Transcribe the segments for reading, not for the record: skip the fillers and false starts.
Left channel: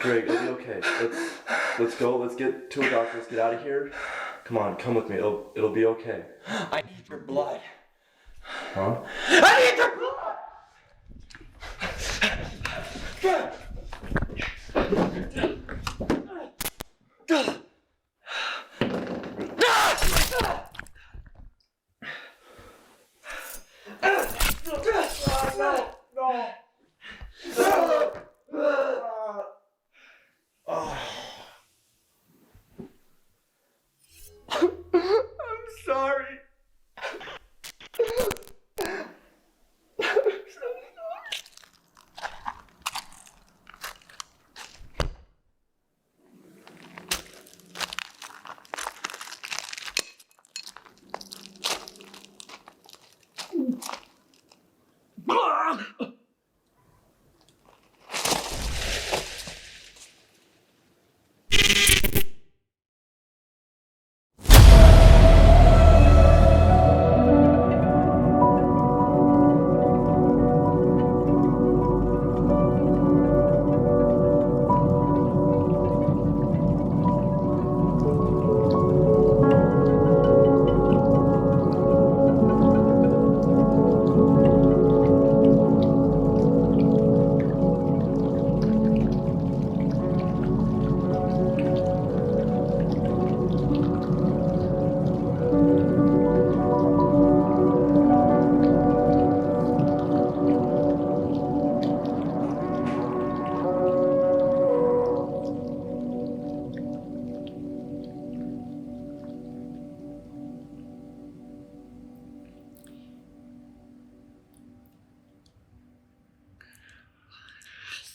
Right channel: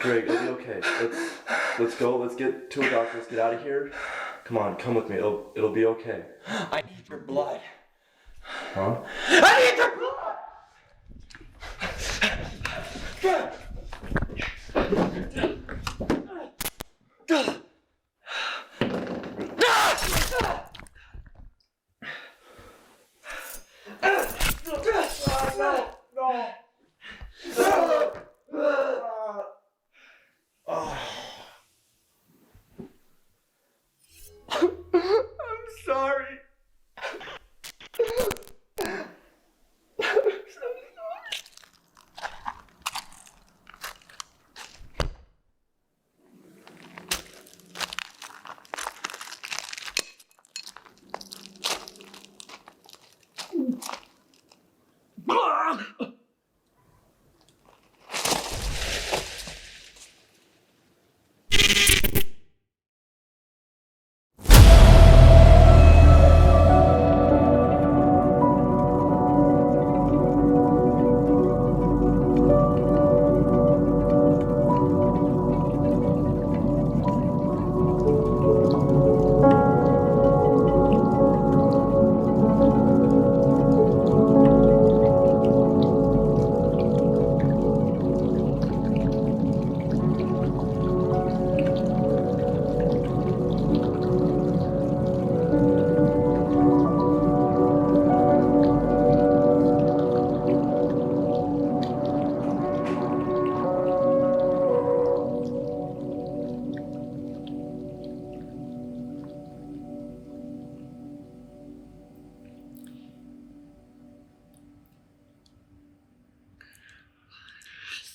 Greg, it'll be okay. Let's go. Let's get to a doctor. Let's get out of here. Come on, come with me. It'll be okay. I need your blood. Huh? I need your blood!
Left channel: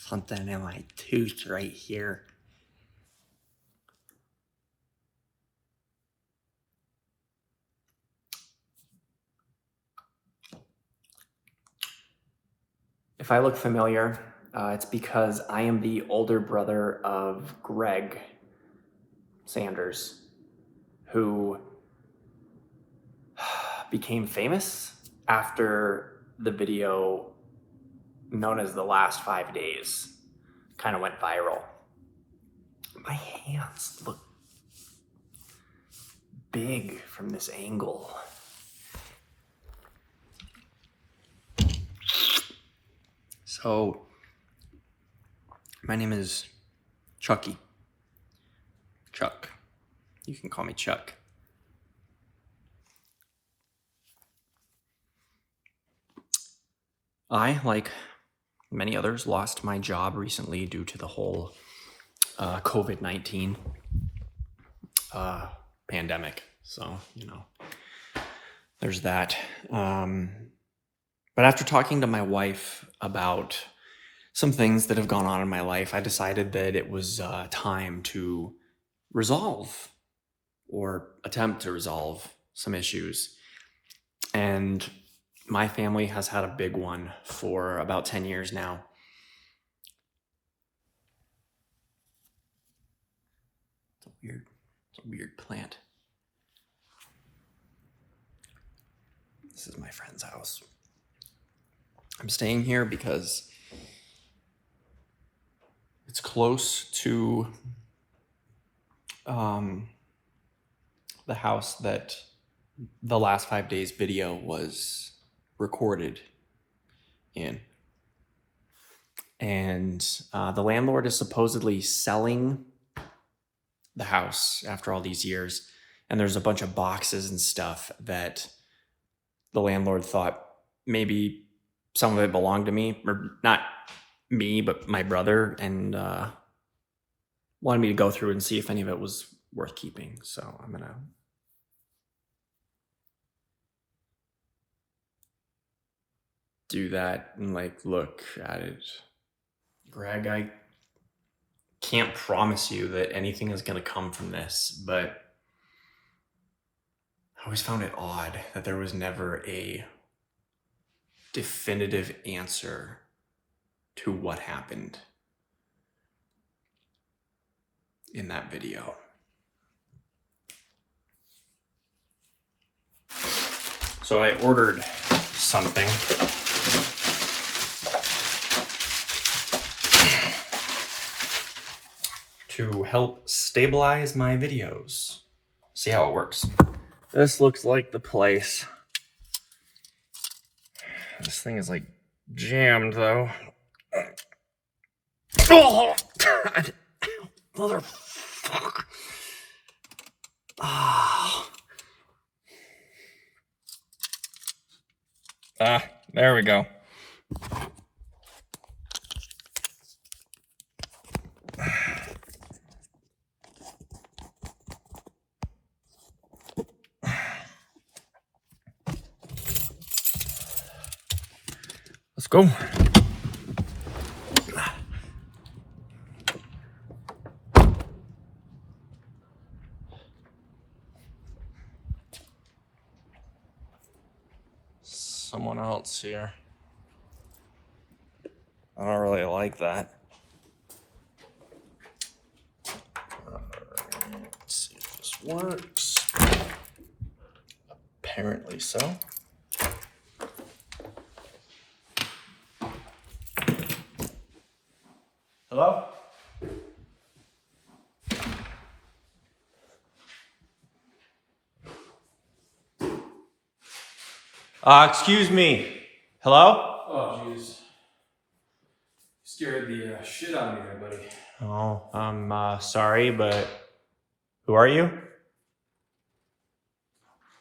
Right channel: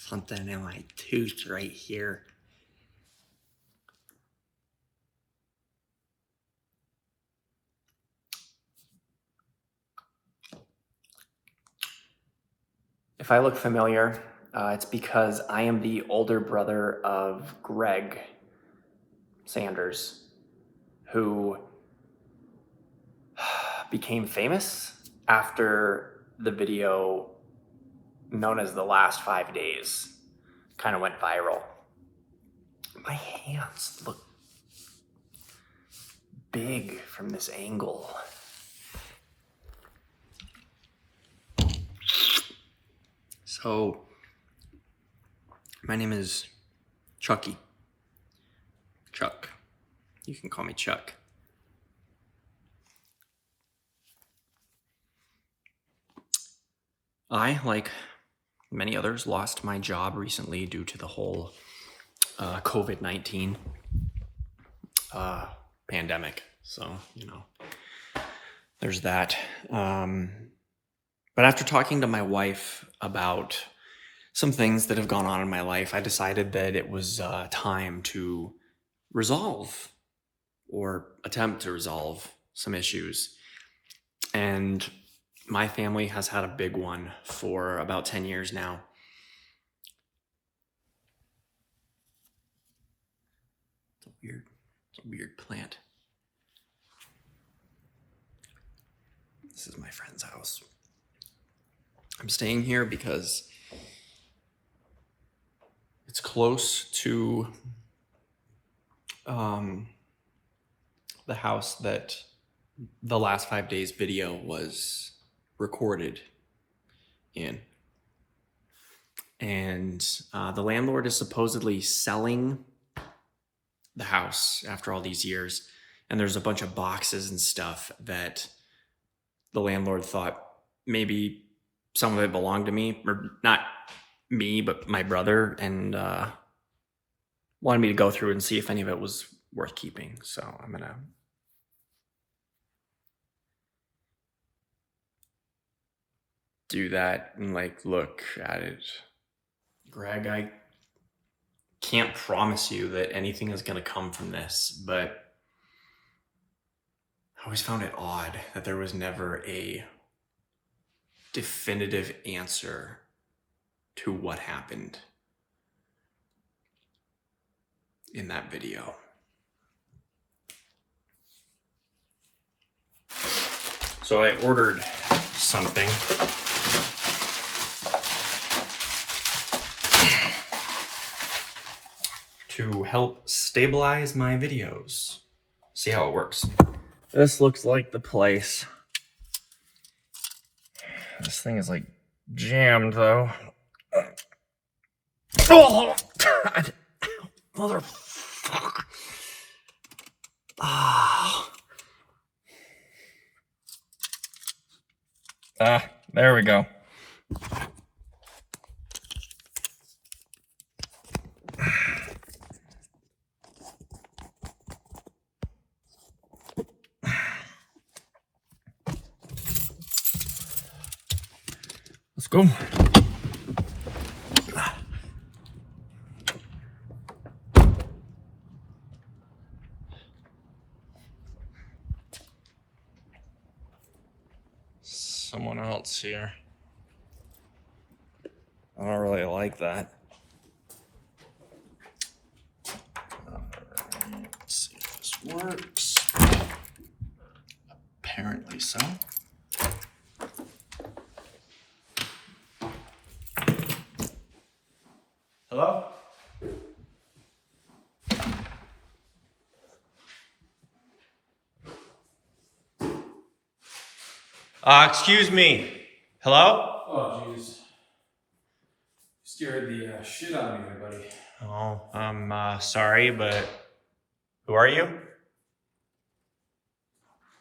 Something in my tooth right here. If I look familiar, it's because I am the older brother of Greg Sanders, who became famous after the video known as The Last 5 Days kind of went viral. My hands look big from this angle. So, my name is Chuckie. Chuck. You can call me Chuck. I, like many others, lost my job recently due to the whole COVID-19 pandemic. So, you know, there's that. But after talking to my wife about some things that have gone on in my life, I decided that it was time to resolve or attempt to resolve some issues. And my family has had a big one for about 10 years now. It's a weird plant. This is my friend's house. I'm staying here because it's close to the house that the Last 5 Days video was recorded in. And the landlord is supposedly selling the house after all these years. And there's a bunch of boxes and stuff that the landlord thought maybe some of it belonged to me, or not me, but my brother, and wanted me to go through and see if any of it was worth keeping. So I'm gonna do that and like look at it. Greg, I can't promise you that anything is gonna come from this, but I always found it odd that there was never a definitive answer to what happened in that video. So I ordered something. to help stabilize my videos. See how it works. This looks like the place. This thing is like jammed though. Oh, God. Motherfucker. Ah. There we go. Let's go. Someone else here. I don't really like that. Let's see if this works. Apparently so. Hello? Excuse me. Hello? Oh, jeez. Scared the shit out of me there, buddy. Oh, I'm sorry, but who are you?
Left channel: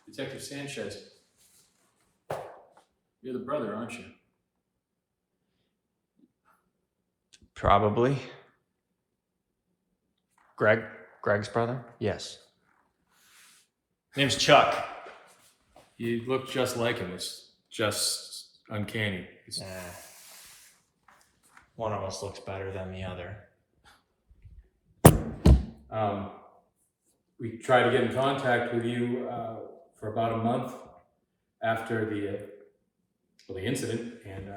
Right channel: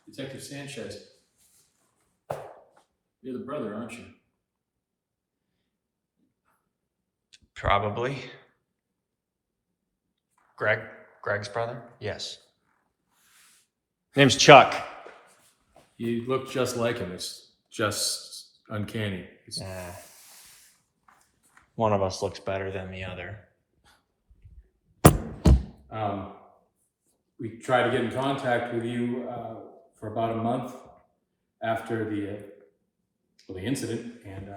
Detective Sanchez. You're the brother, aren't you? Probably. Greg's brother? Yes. Name's Chuck. You look just like him. It's just uncanny. Yeah. One of us looks better than the other. We tried to get in contact with you for about a month after the incident, and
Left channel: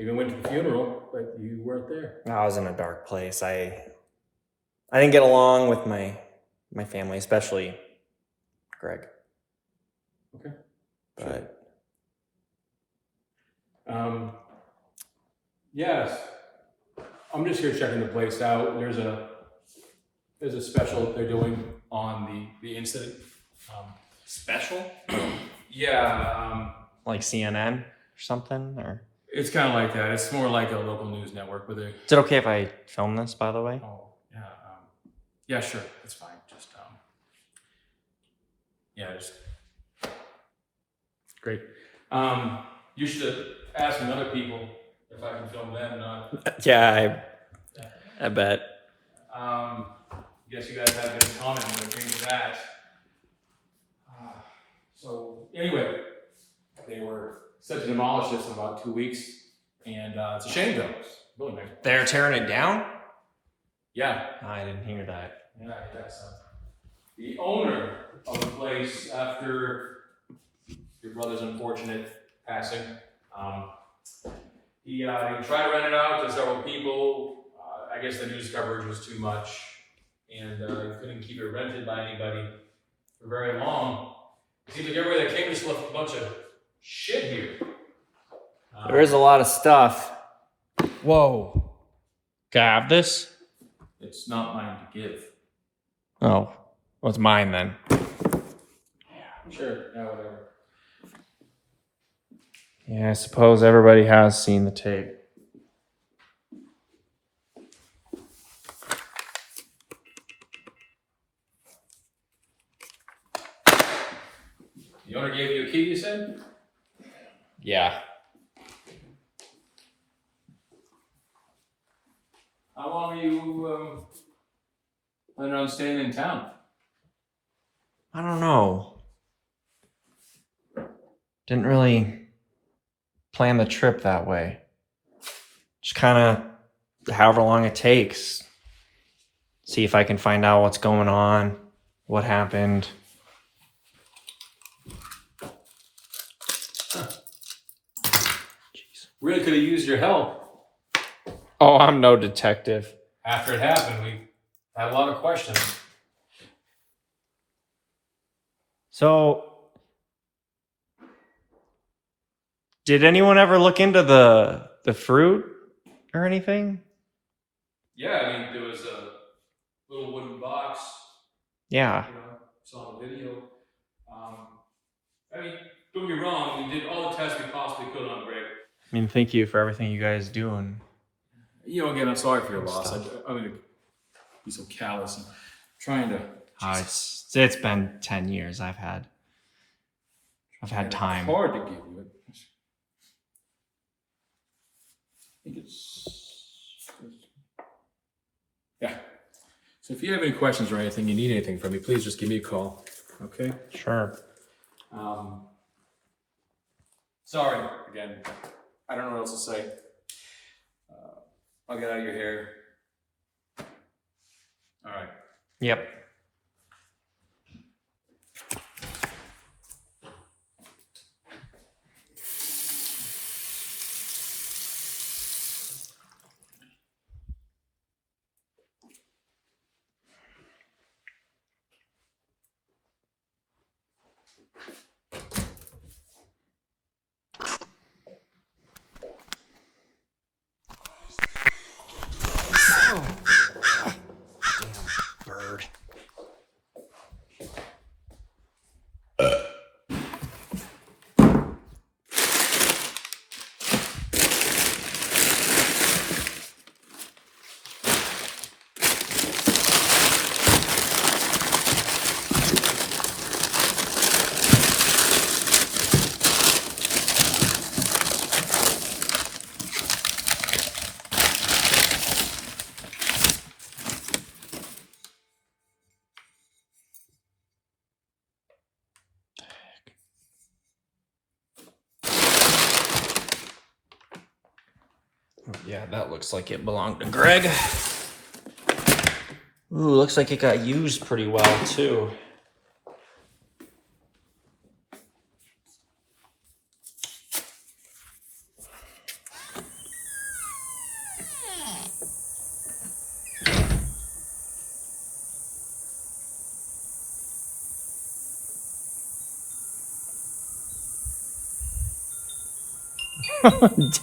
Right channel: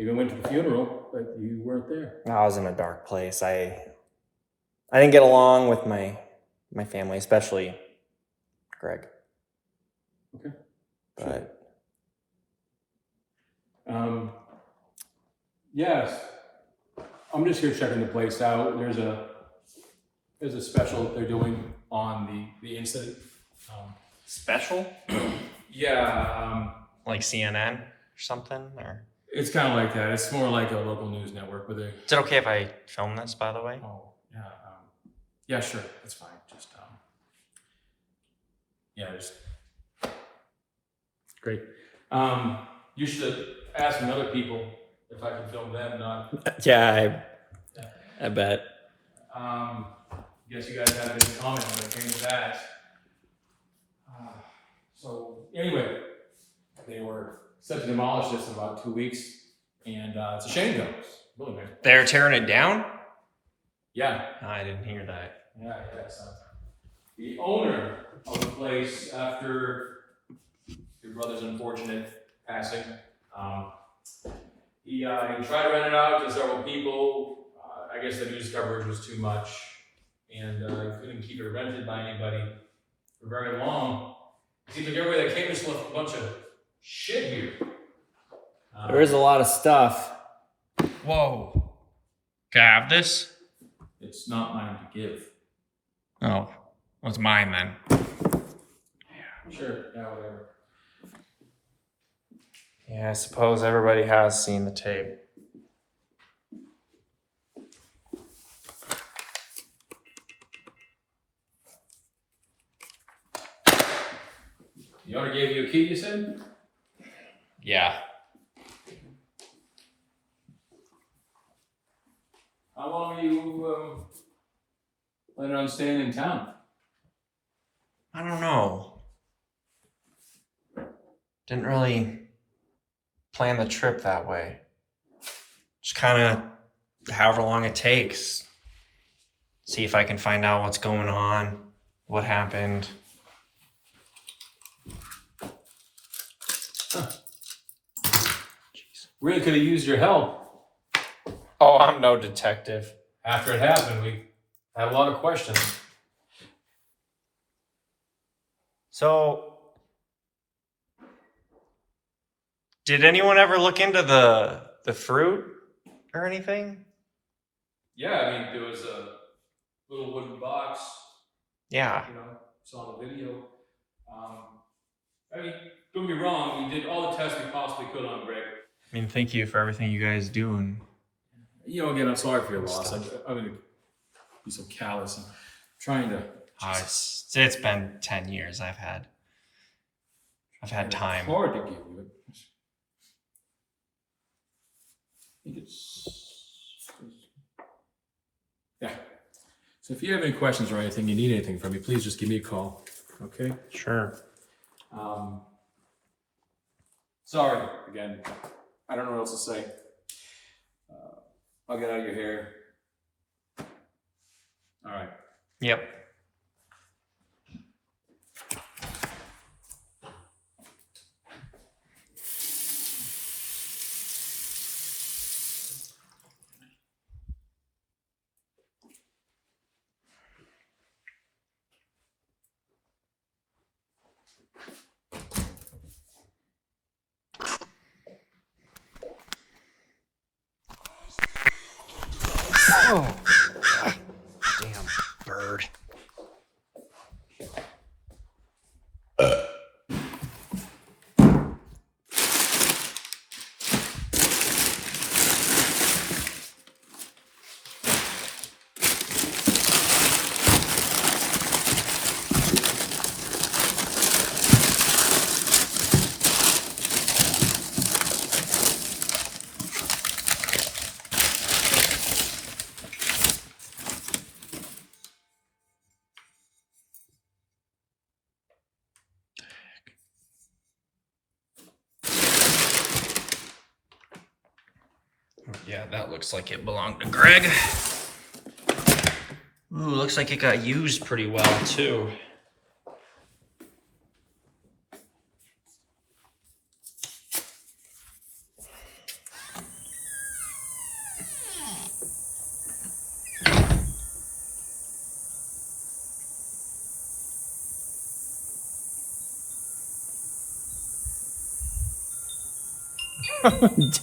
even went to the funeral, but you weren't there. I was in a dark place. I didn't get along with my family, especially Greg. Okay. But yes, I'm just here checking the place out. There's a special that they're doing on the incident. special? Yeah. Like CNN or something? Or It's kind of like that. It's more like a local news network, but they. is it okay if I film this, by the way? Oh yeah. Yeah, sure. That's fine. Just yeah, just great. You should ask some other people if I can film them. Not. Yeah, I bet. Guess you guys have been comment on the things that. So anyway, they were set to demolish this in about 2 weeks, and it's a shame though. It's really nice. They're tearing it down? Yeah. I didn't hear that. Yeah, yes. The owner of the place, after your brother's unfortunate passing, he tried to rent it out to several people. I guess the news coverage was too much, and couldn't keep it rented by anybody for very long. See, the everybody that came just left a bunch of shit here. There is a lot of stuff. Whoa. Can I have this? It's not mine to give. Oh. Well, it's mine then. Sure, yeah, whatever. Yeah, I suppose everybody has seen the tape. The owner gave you a key, you said? Yeah. How long are you planning on staying in town? I don't know. Didn't really plan the trip that way. Just kind of however long it takes. See if I can find out what's going on, what happened. Really could have used your help. Oh, I'm no detective. After it happened, we had a lot of questions. So, did anyone ever look into the fruit or anything? Yeah, I mean, there was little wooden box. Yeah. You know, saw the video. I mean, don't get me wrong, we did all the tests we possibly could on Greg. I mean, thank you for everything you guys do. And you know, again, I'm sorry for your loss. I'm going to be so callous and trying to. it's been 10 years. I've had time. It's hard to give you it. I think yeah. So if you have any questions or anything, you need anything from me, please just give me a call. Okay? Sure. Sorry again. I don't know what else to say. I'll get out of your hair. All right. Yep. Oh, damn bird. Yeah, that looks like it belonged to Greg. Ooh, looks like it got used pretty well, too.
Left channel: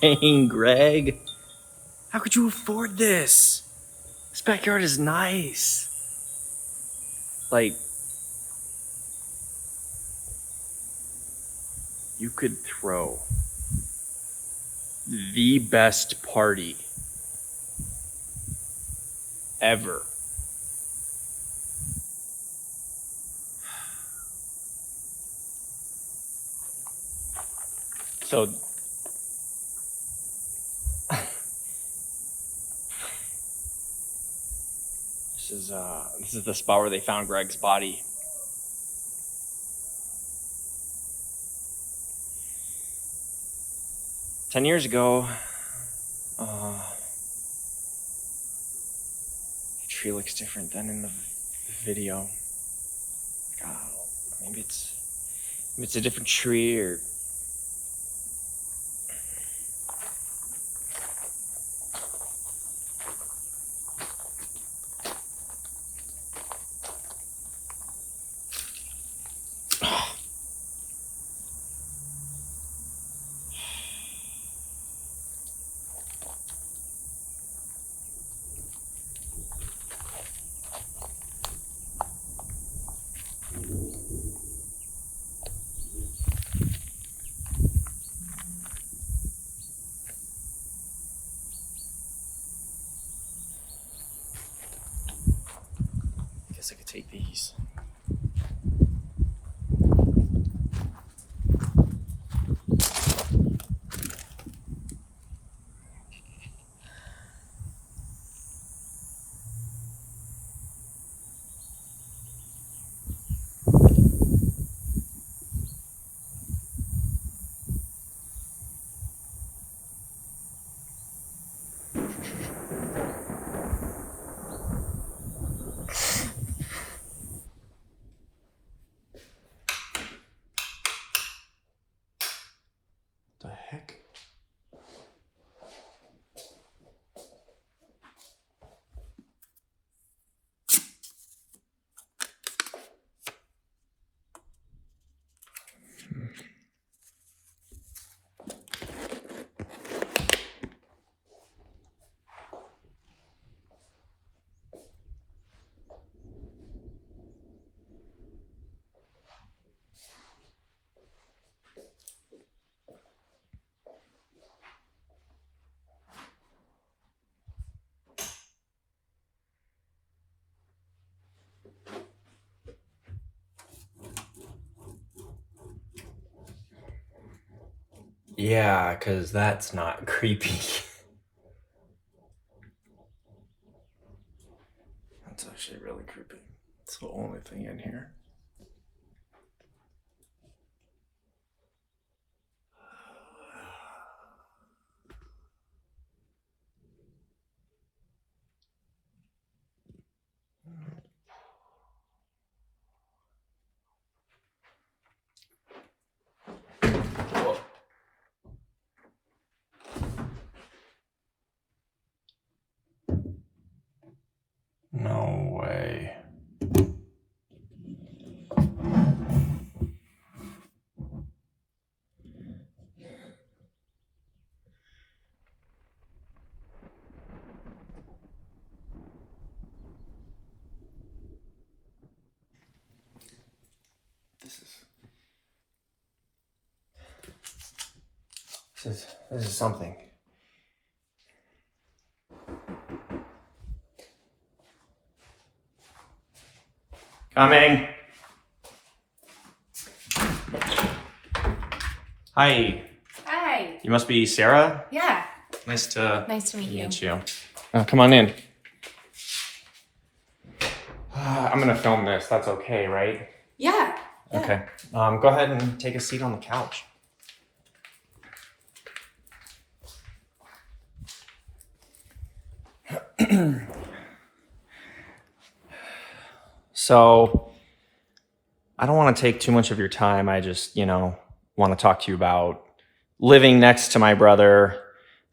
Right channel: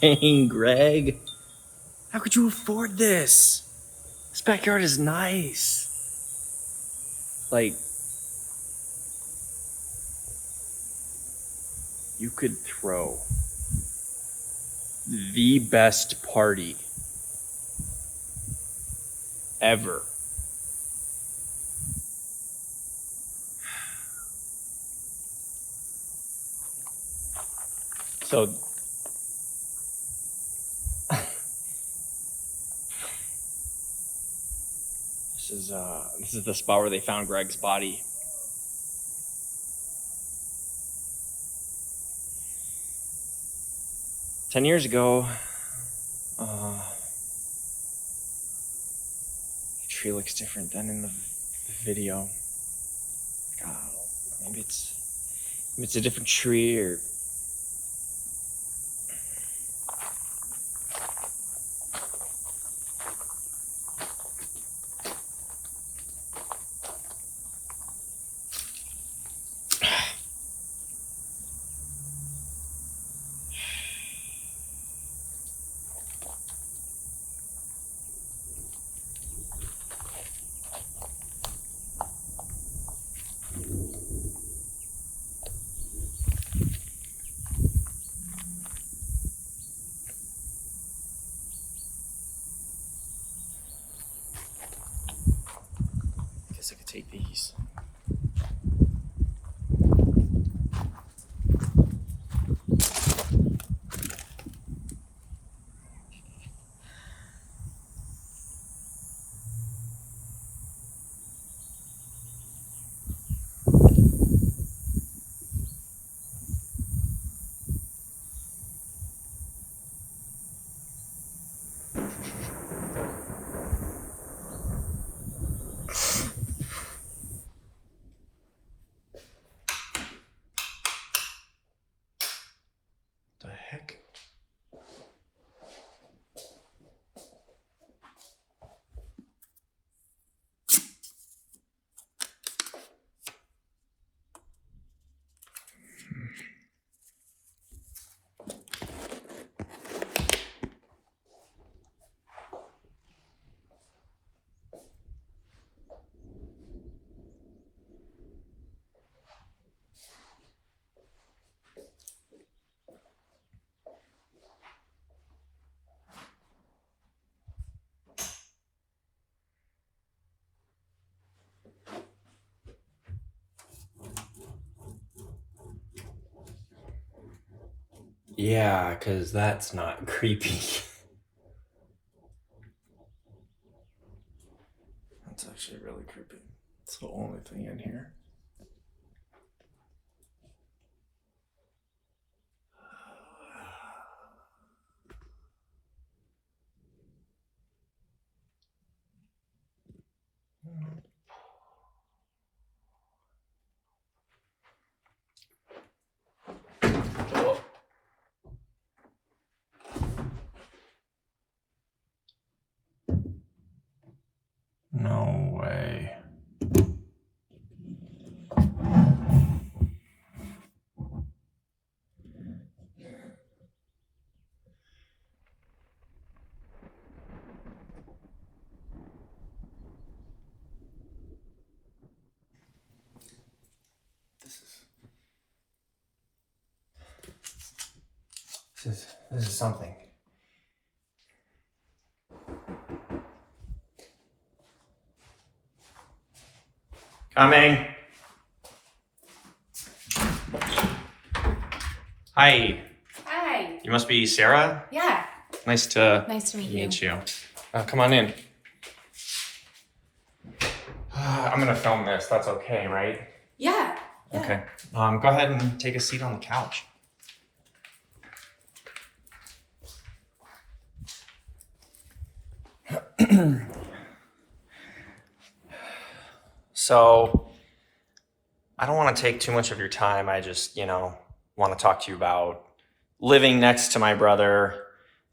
Dang, Greg. How could you afford this? This backyard is nice. Like, you could throw the best party ever. So, this is the spot where they found Greg's body. "10 years ago, the tree looks different than in the video. God, maybe it's a different tree or." I could take these. Yeah, because that's not creepy. That's actually really creepy. It's the only thing in here. No way. This is something. Coming. Hi. Hi. You must be Sarah? Yeah. Nice to meet you. Come on in. I'm gonna film this. That's okay, right? Yeah. Okay. Go ahead and take a seat on the couch. So, I don't want to take too much of your time. I just, want to talk to you about living next to my brother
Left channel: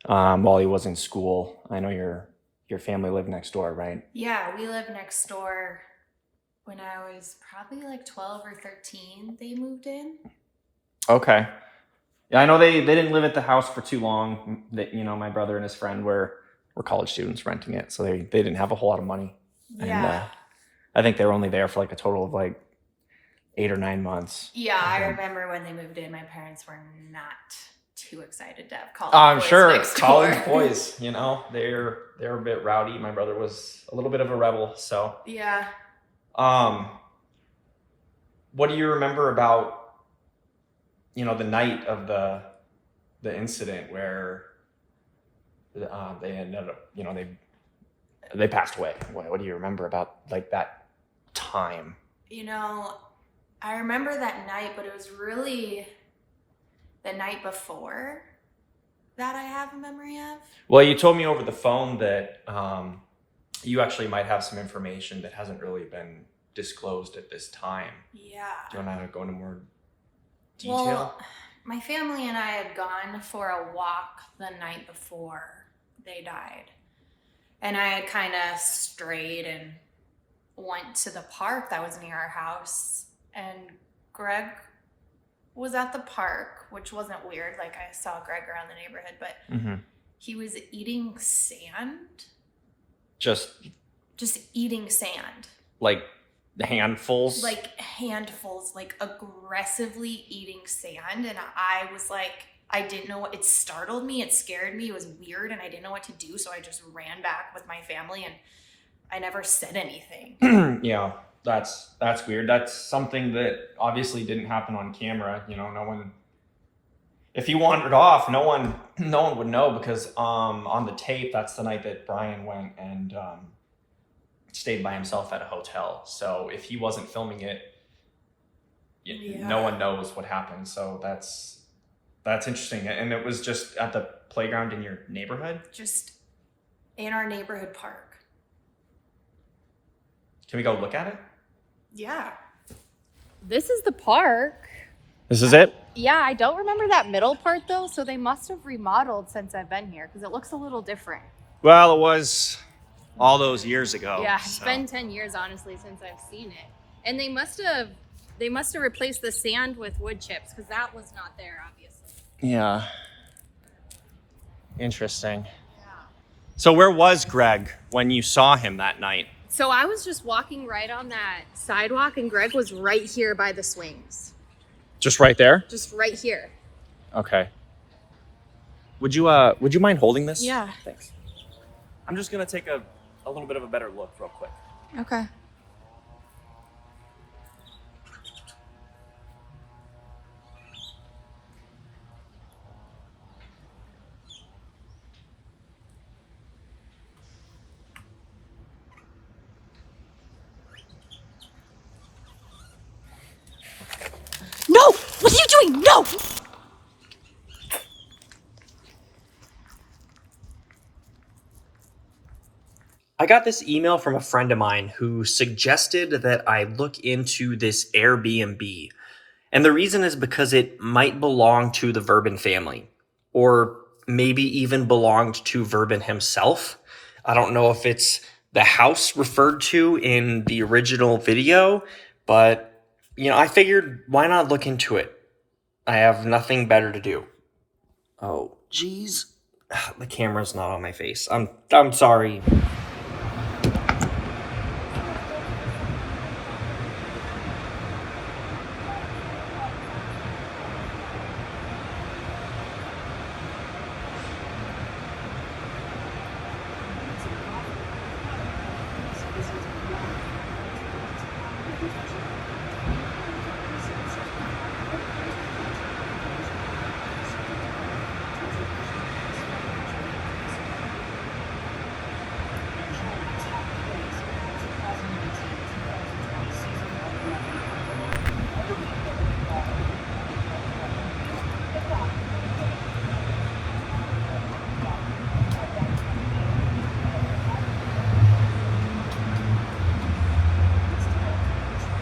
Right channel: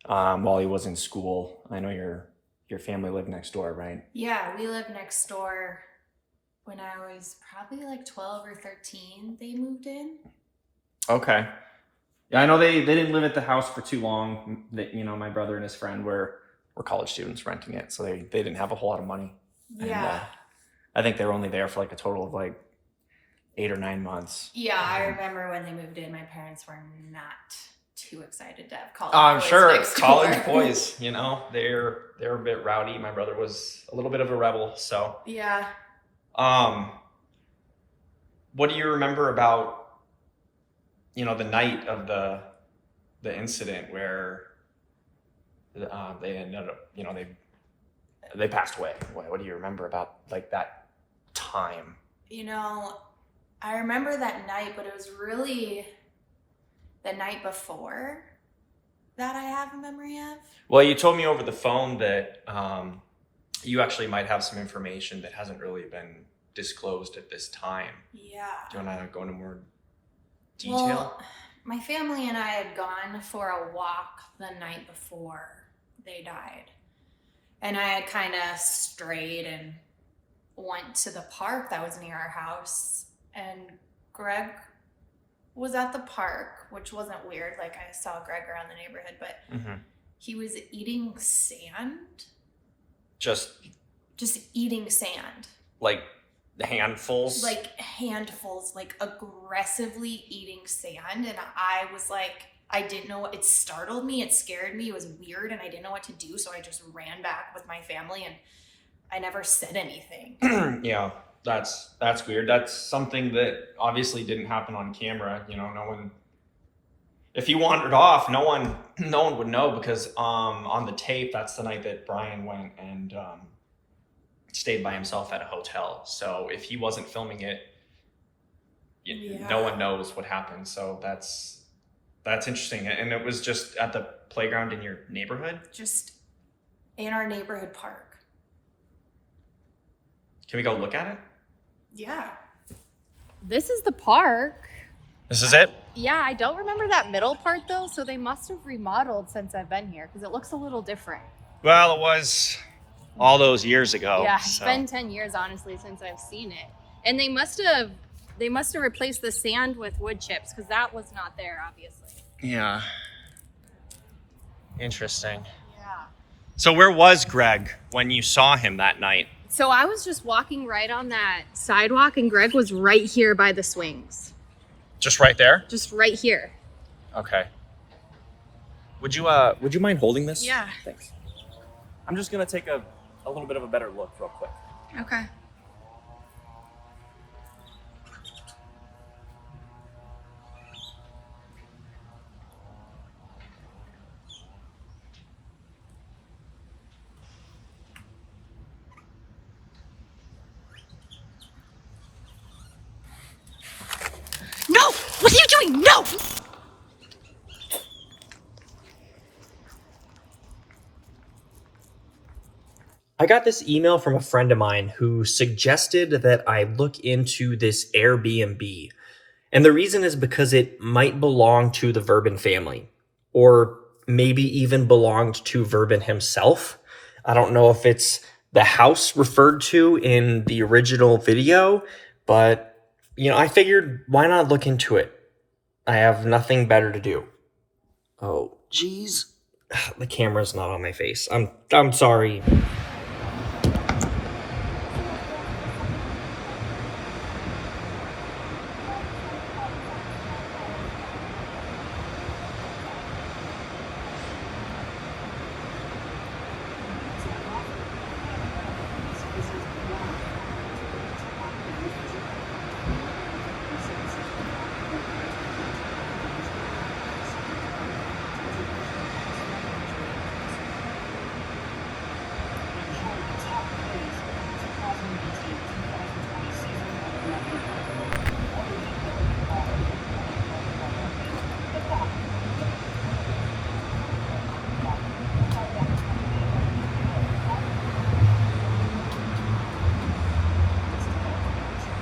while he was in school. I know your family lived next door, right? Yeah, we lived next door. When I was probably like 12 or 13, they moved in. Okay. Yeah, I know they didn't live at the house for too long. My brother and his friend were college students renting it, so they didn't have a whole lot of money. Yeah. And, I think they were only there for like a total of like 8 or 9 months. Yeah, I remember when they moved in, my parents were not too excited to have college I'm boys sure next door. college boys, they're a bit rowdy. My brother was a little bit of a rebel, so. Yeah. What do you remember about, the night of the incident where they ended up, they passed away? What do you remember about like that time? I remember that night, but it was really the night before that I have a memory of. Well, you told me over the phone that you actually might have some information that hasn't really been disclosed at this time. Yeah. Do you want to go into more detail? Well, my family and I had gone for a walk the night before they died. And I had kind of strayed and went to the park that was near our house. And Greg was at the park, which wasn't weird. Like, I saw Greg around the neighborhood, but he was eating sand. Just eating sand. like handfuls? Like handfuls, like aggressively eating sand. And I was like, I didn't know what, it startled me, it scared me, it was weird, and I didn't know what to do, so I just ran back with my family, and I never said anything. Yeah, that's weird. That's something that obviously didn't happen on camera. No one. If he wandered off, no one would know, because on the tape, that's the night that Brian went and stayed by himself at a hotel. So if he wasn't filming it, no one knows what happened. So that's interesting. And it was just at the playground in your neighborhood? Just in our neighborhood park. Can we go look at it? Yeah. This is the park. This is it? Yeah, I don't remember that middle part though, so they must have remodeled since I've been here because it looks a little different. Well, it was all those years ago. Yeah, it's been 10 years honestly since I've seen it. And they must have replaced the sand with wood chips because that was not there obviously. Yeah. Interesting. Yeah. So where was Greg when you saw him that night? So I was just walking right on that sidewalk and Greg was right here by the swings. Just right there? Just right here. Okay. Would you mind holding this? Yeah. Thanks. I'm just gonna take a little bit of a better look real quick. Okay. What are you doing? No! I got this email from a friend of mine who suggested that I look into this Airbnb. And the reason is because it might belong to the Verbin family, or maybe even belonged to Verbin himself. I don't know if it's the house referred to in the original video, but I figured, why not look into it? I have nothing better to do. Oh, geez. The camera's not on my face. I'm sorry.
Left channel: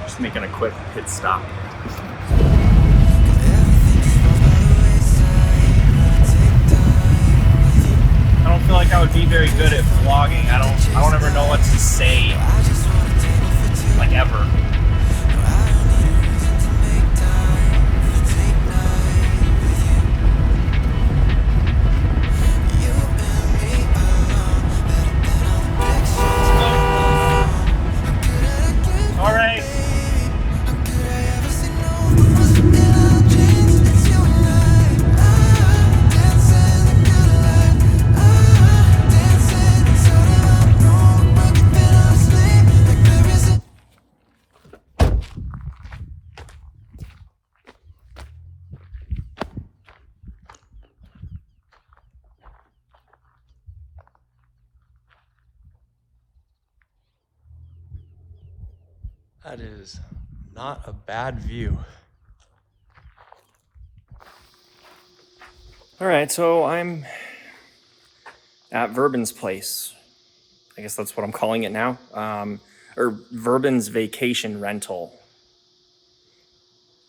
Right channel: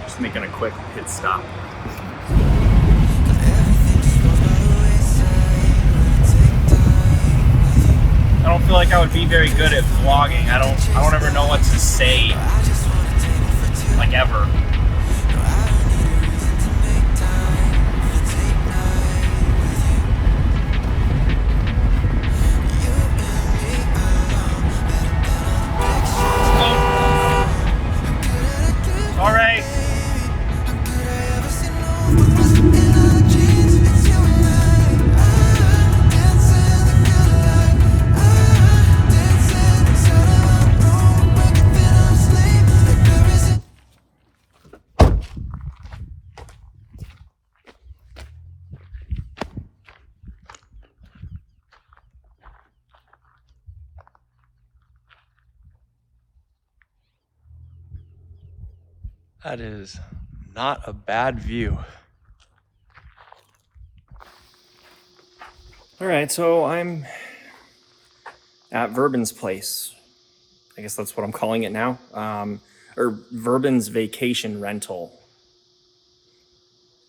Just making a quick pit stop. I don't feel like I would be very good at vlogging. I don't ever know what to say, like ever. All right. That is not a bad view. All right, so I'm at Verbin's place. I guess that's what I'm calling it now. Or Verbin's vacation rental.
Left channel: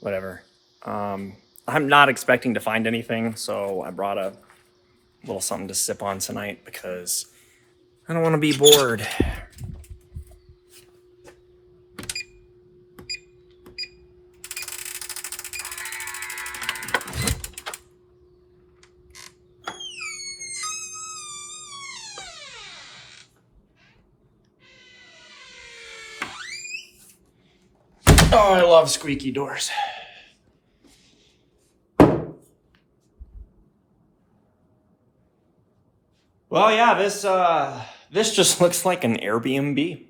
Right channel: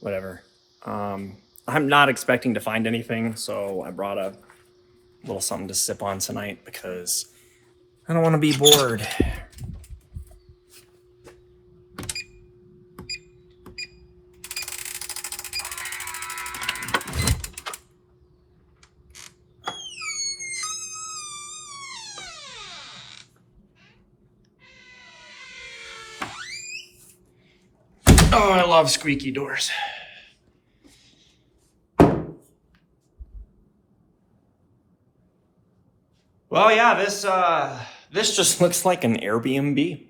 Whatever. I'm not expecting to find anything, so I brought a little something to sip on tonight because I don't want to be bored. Oh, I love squeaky doors. Well, yeah, this just looks like an Airbnb.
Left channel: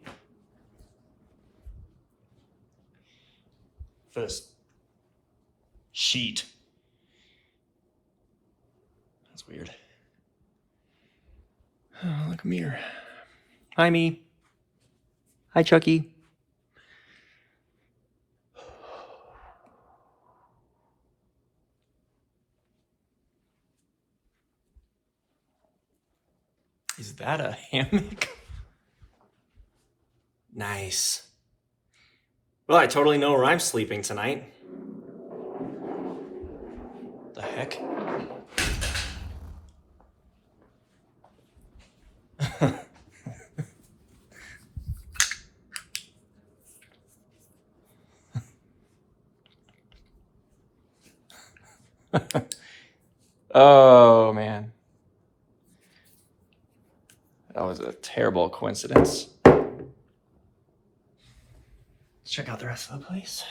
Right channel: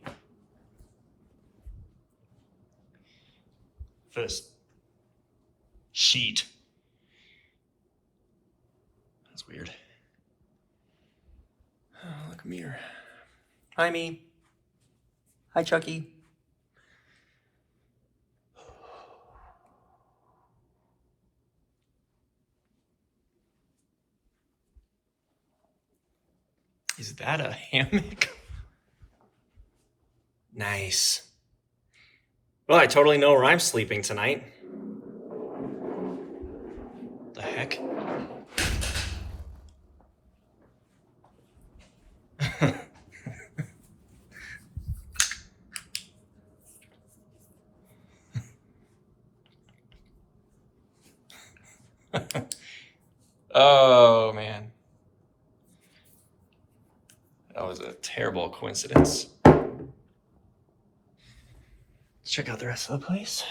This sheet. That's weird. Oh, look, a mirror. Hi, me. Hi, Chuckie. Is that a hammock? Nice. Well, I totally know where I'm sleeping tonight. The heck? Oh, man. That was a terrible coincidence. Let's check out the rest of the place.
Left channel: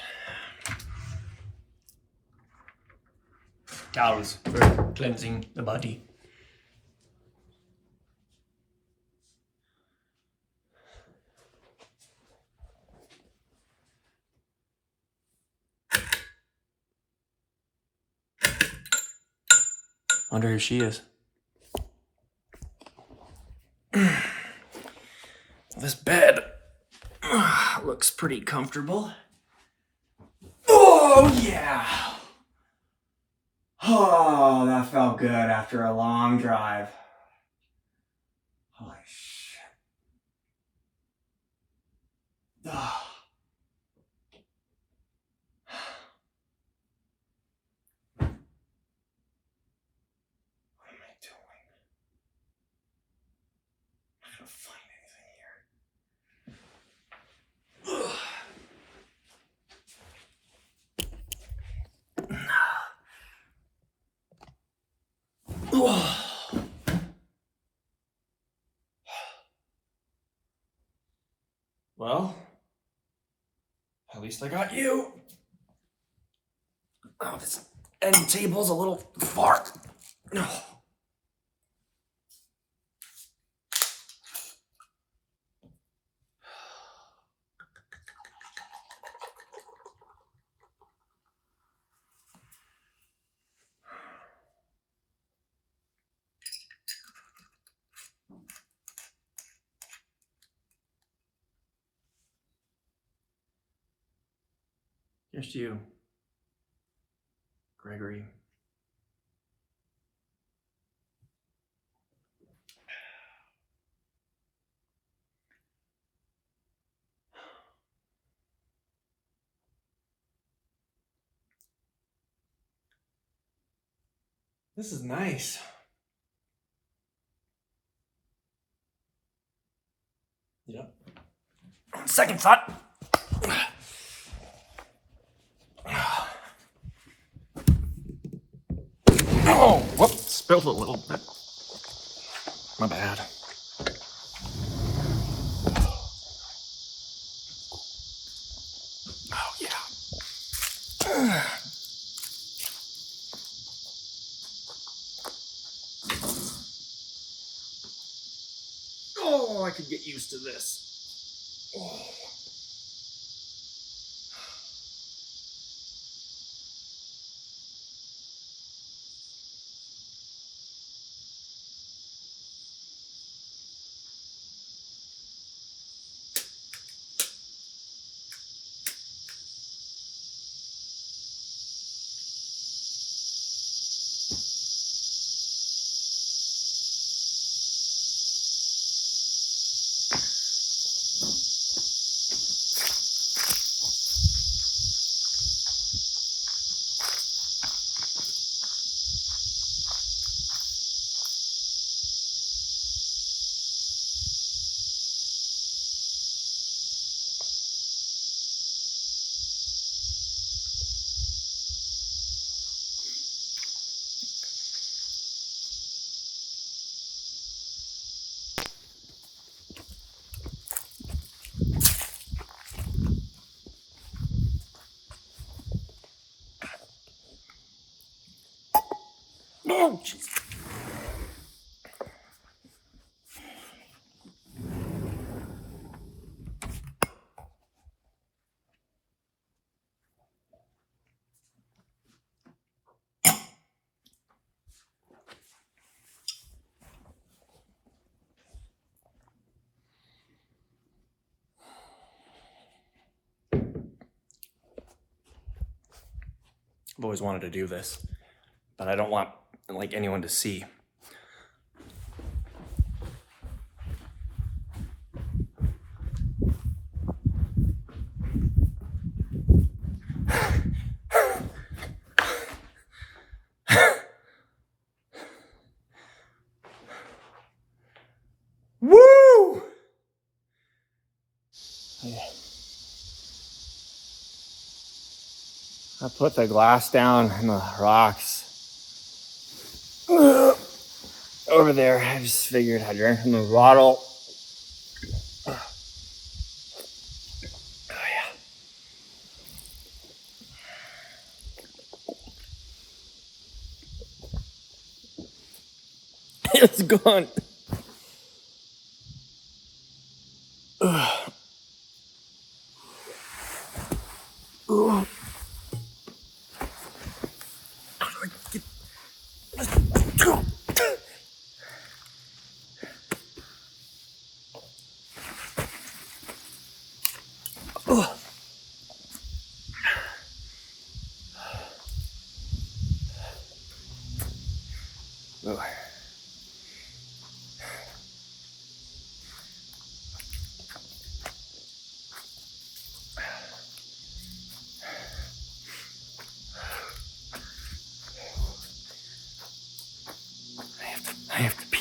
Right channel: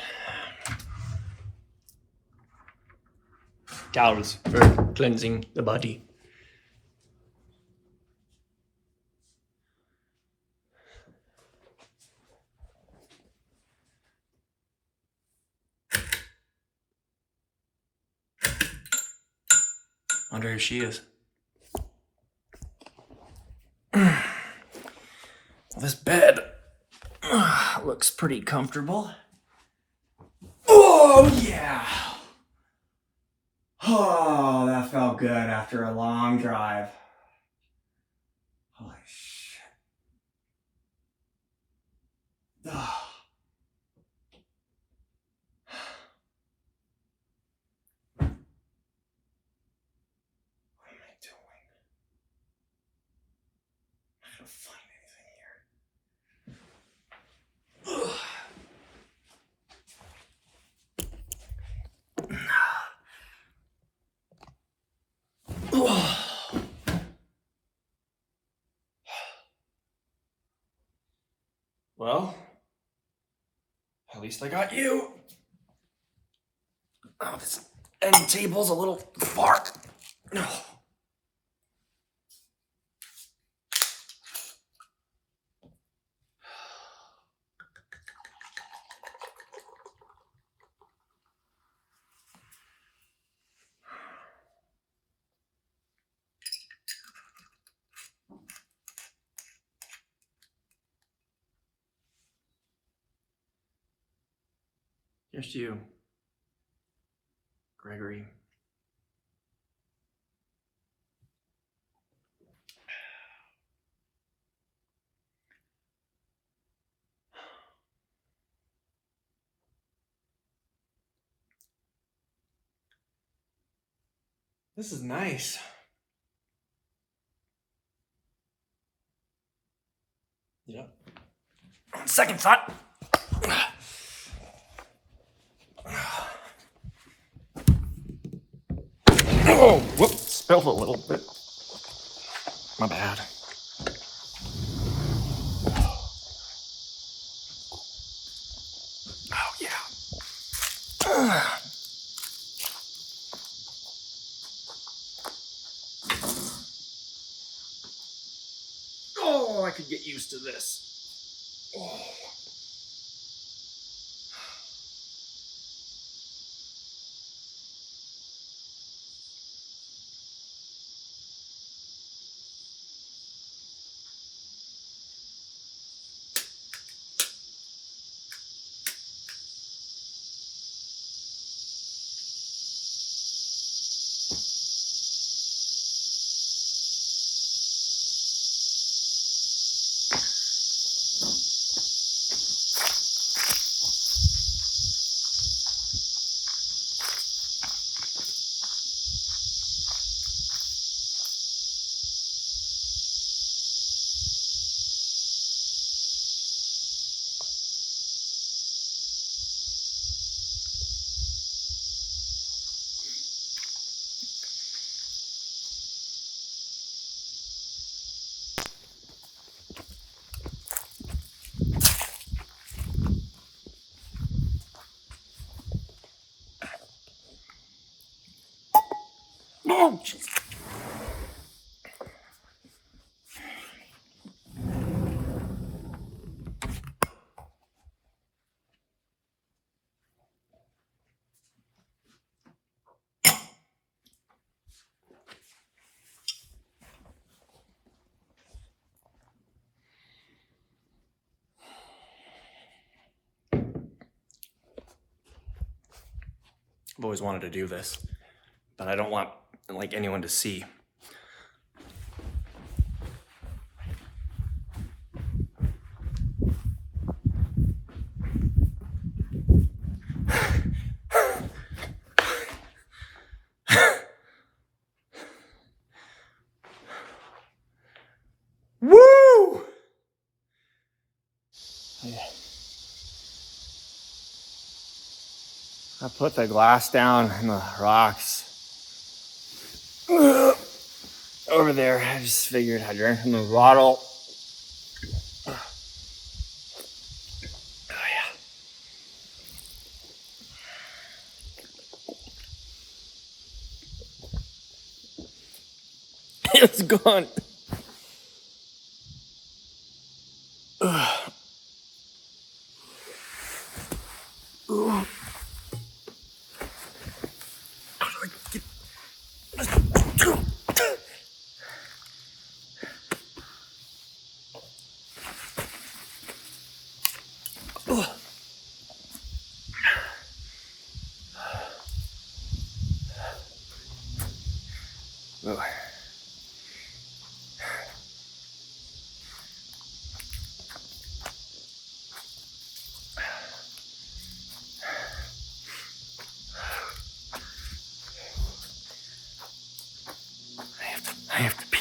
Towels for cleansing the body. Wonder who she is. This bed looks pretty comfortable. Oh, yeah. Oh, that felt good after a long drive. Holy shit. Oh. What am I doing? I'm not gonna find anything here. Well, at least I got you. Oh, this end table's a little far. No. Here's to you, Gregory. This is nice. Yep. Second thought. Oh, whoops, spilled a little bit. My bad. Oh, yeah. Oh, I could get used to this. Oh. Oh, jeez. I've always wanted to do this, but I don't want like anyone to see. Woo! I put the glass down in the rocks over there. I just figured I'd drink from the bottle. Oh, yeah. It's gone. Ugh. Ugh.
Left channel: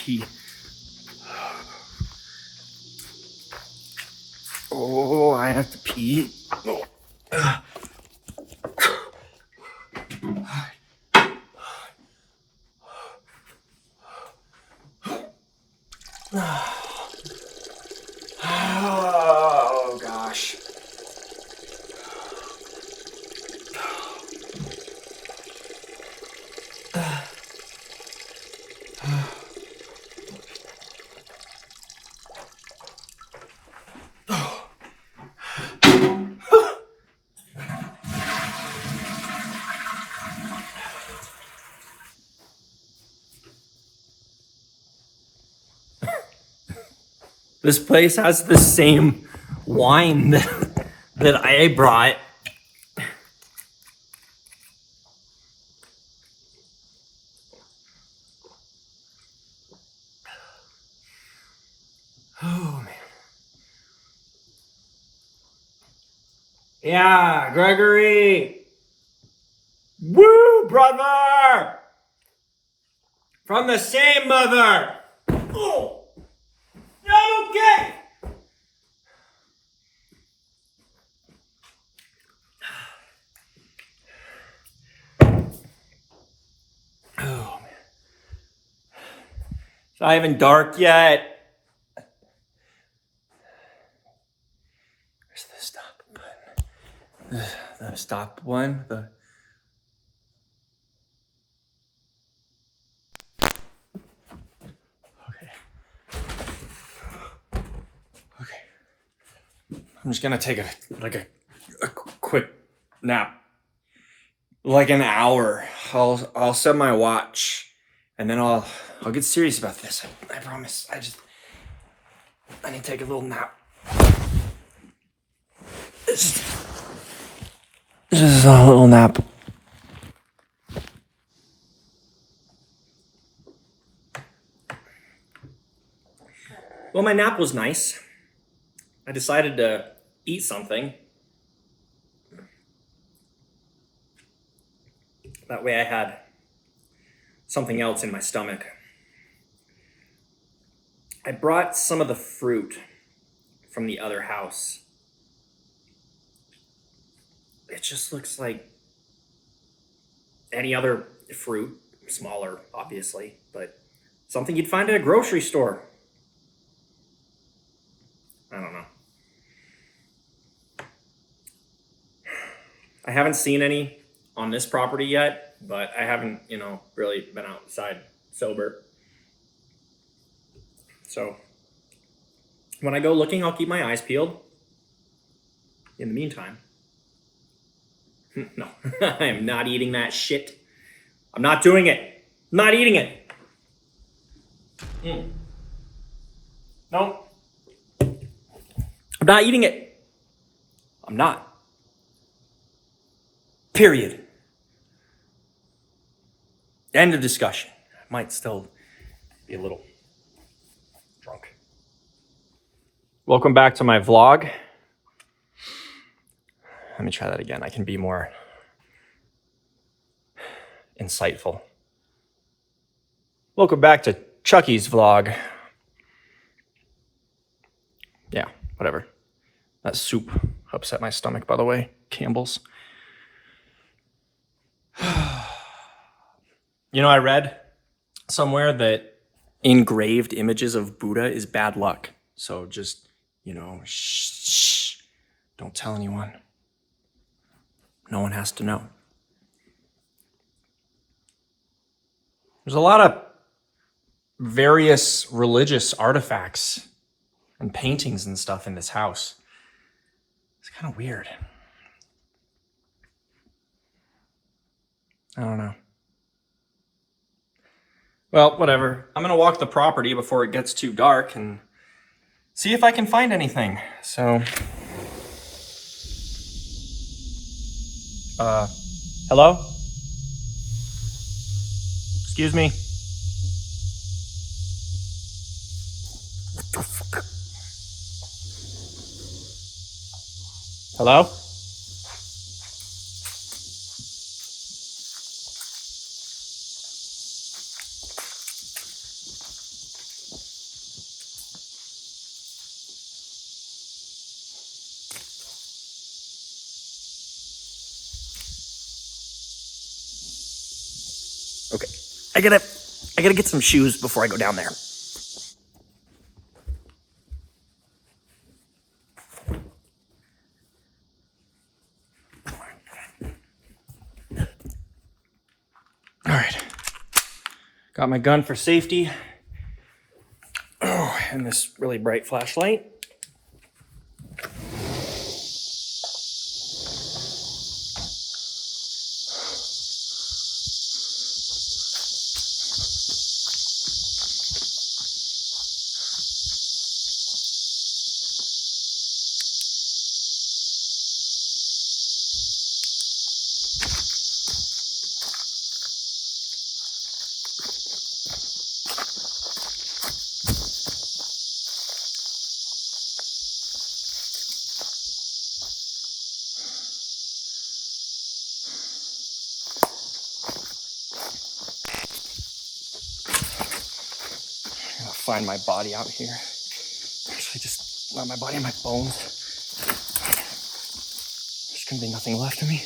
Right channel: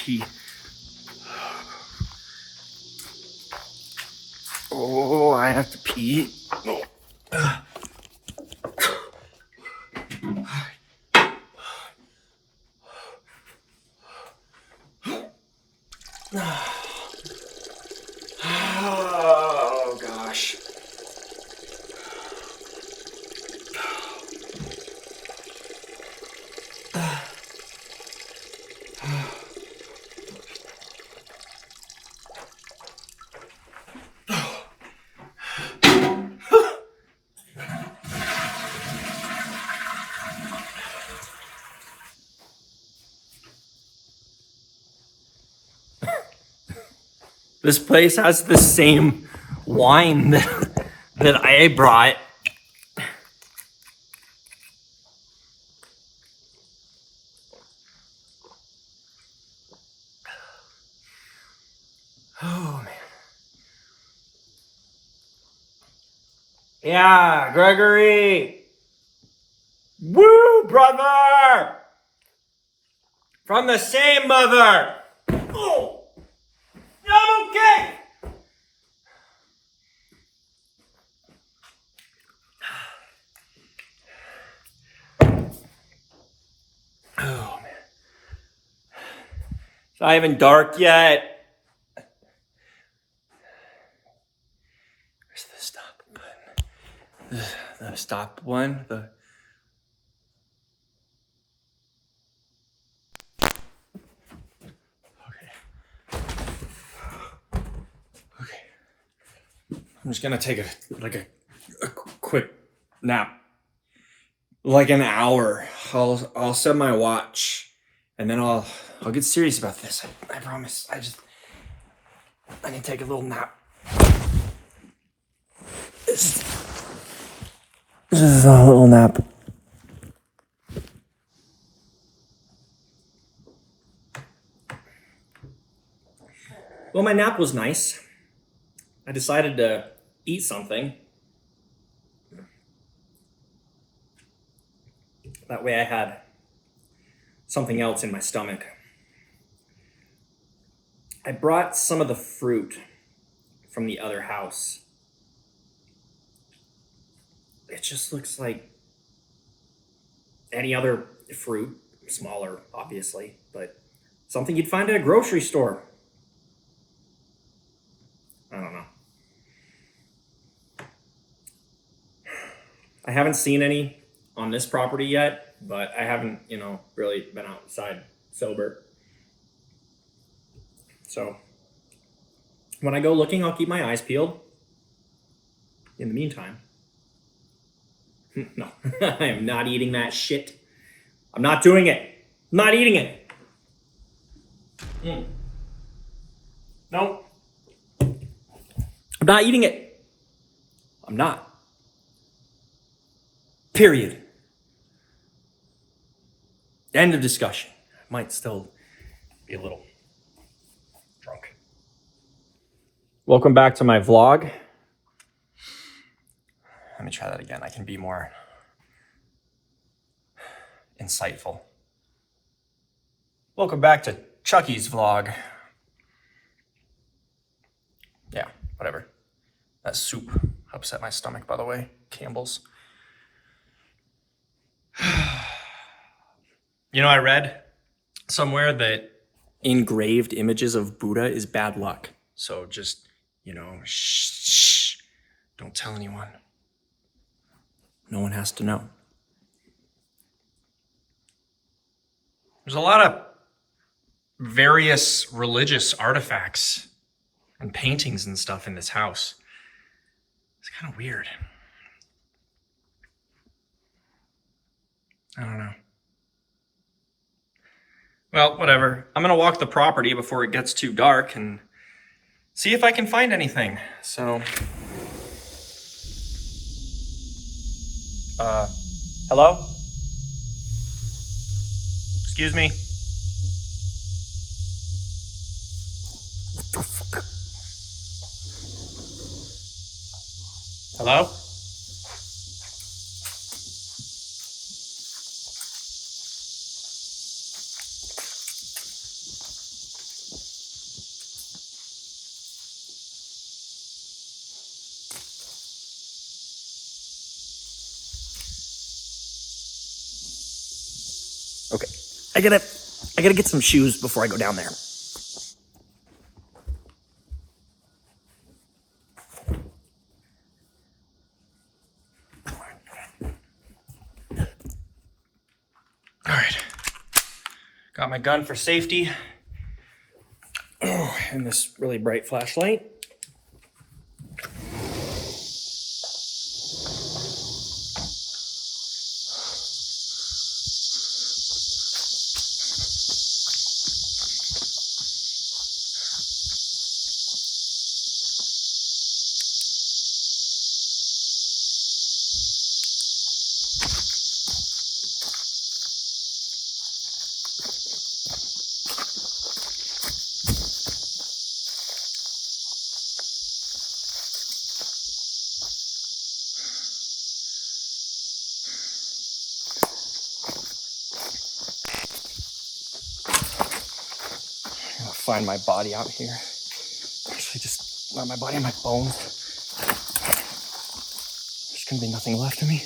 pee. Oh, I have to pee. Oh. Oh gosh. This place has the same wine that I brought. Oh, man. Yeah, Gregory. Woo, brother. From the same mother. Oh, I'm okay. Oh, man. It's not even dark yet. Where's the stop button? The stop one? Okay. I'm just gonna take a quick nap. Like an hour. I'll set my watch and then I'll get serious about this. I promise. I need to take a little nap. This is a little nap. Well, my nap was nice. I decided to eat something. That way I had something else in my stomach. I brought some of the fruit from the other house. It just looks like any other fruit, smaller, obviously, but something you'd find at a grocery store. I don't know. I haven't seen any on this property yet, but I haven't, really been outside sober. So when I go looking, I'll keep my eyes peeled. In the meantime, no, I am not eating that shit. I'm not doing it. I'm not eating it. No. I'm not eating it. I'm not. Period. End of discussion. I might still be a little drunk. Welcome back to my vlog. Let me try that again. I can be more insightful. Welcome back to Chuckie's vlog. Yeah, whatever. That soup upset my stomach, by the way. Campbell's. I read somewhere that engraved images of Buddha is bad luck. So just, shh, don't tell anyone. No one has to know. There's a lot of various religious artifacts and paintings and stuff in this house. It's kind of weird. I don't know. Well, whatever. I'm gonna walk the property before it gets too dark and see if I can find anything. So, hello? Excuse me. What the fuck? Hello? I gotta get some shoes before I go down there. All right. Got my gun for safety. Oh, and this really bright flashlight. Find my body out here. Actually, just let my body and my bones. There's gonna be nothing left of me.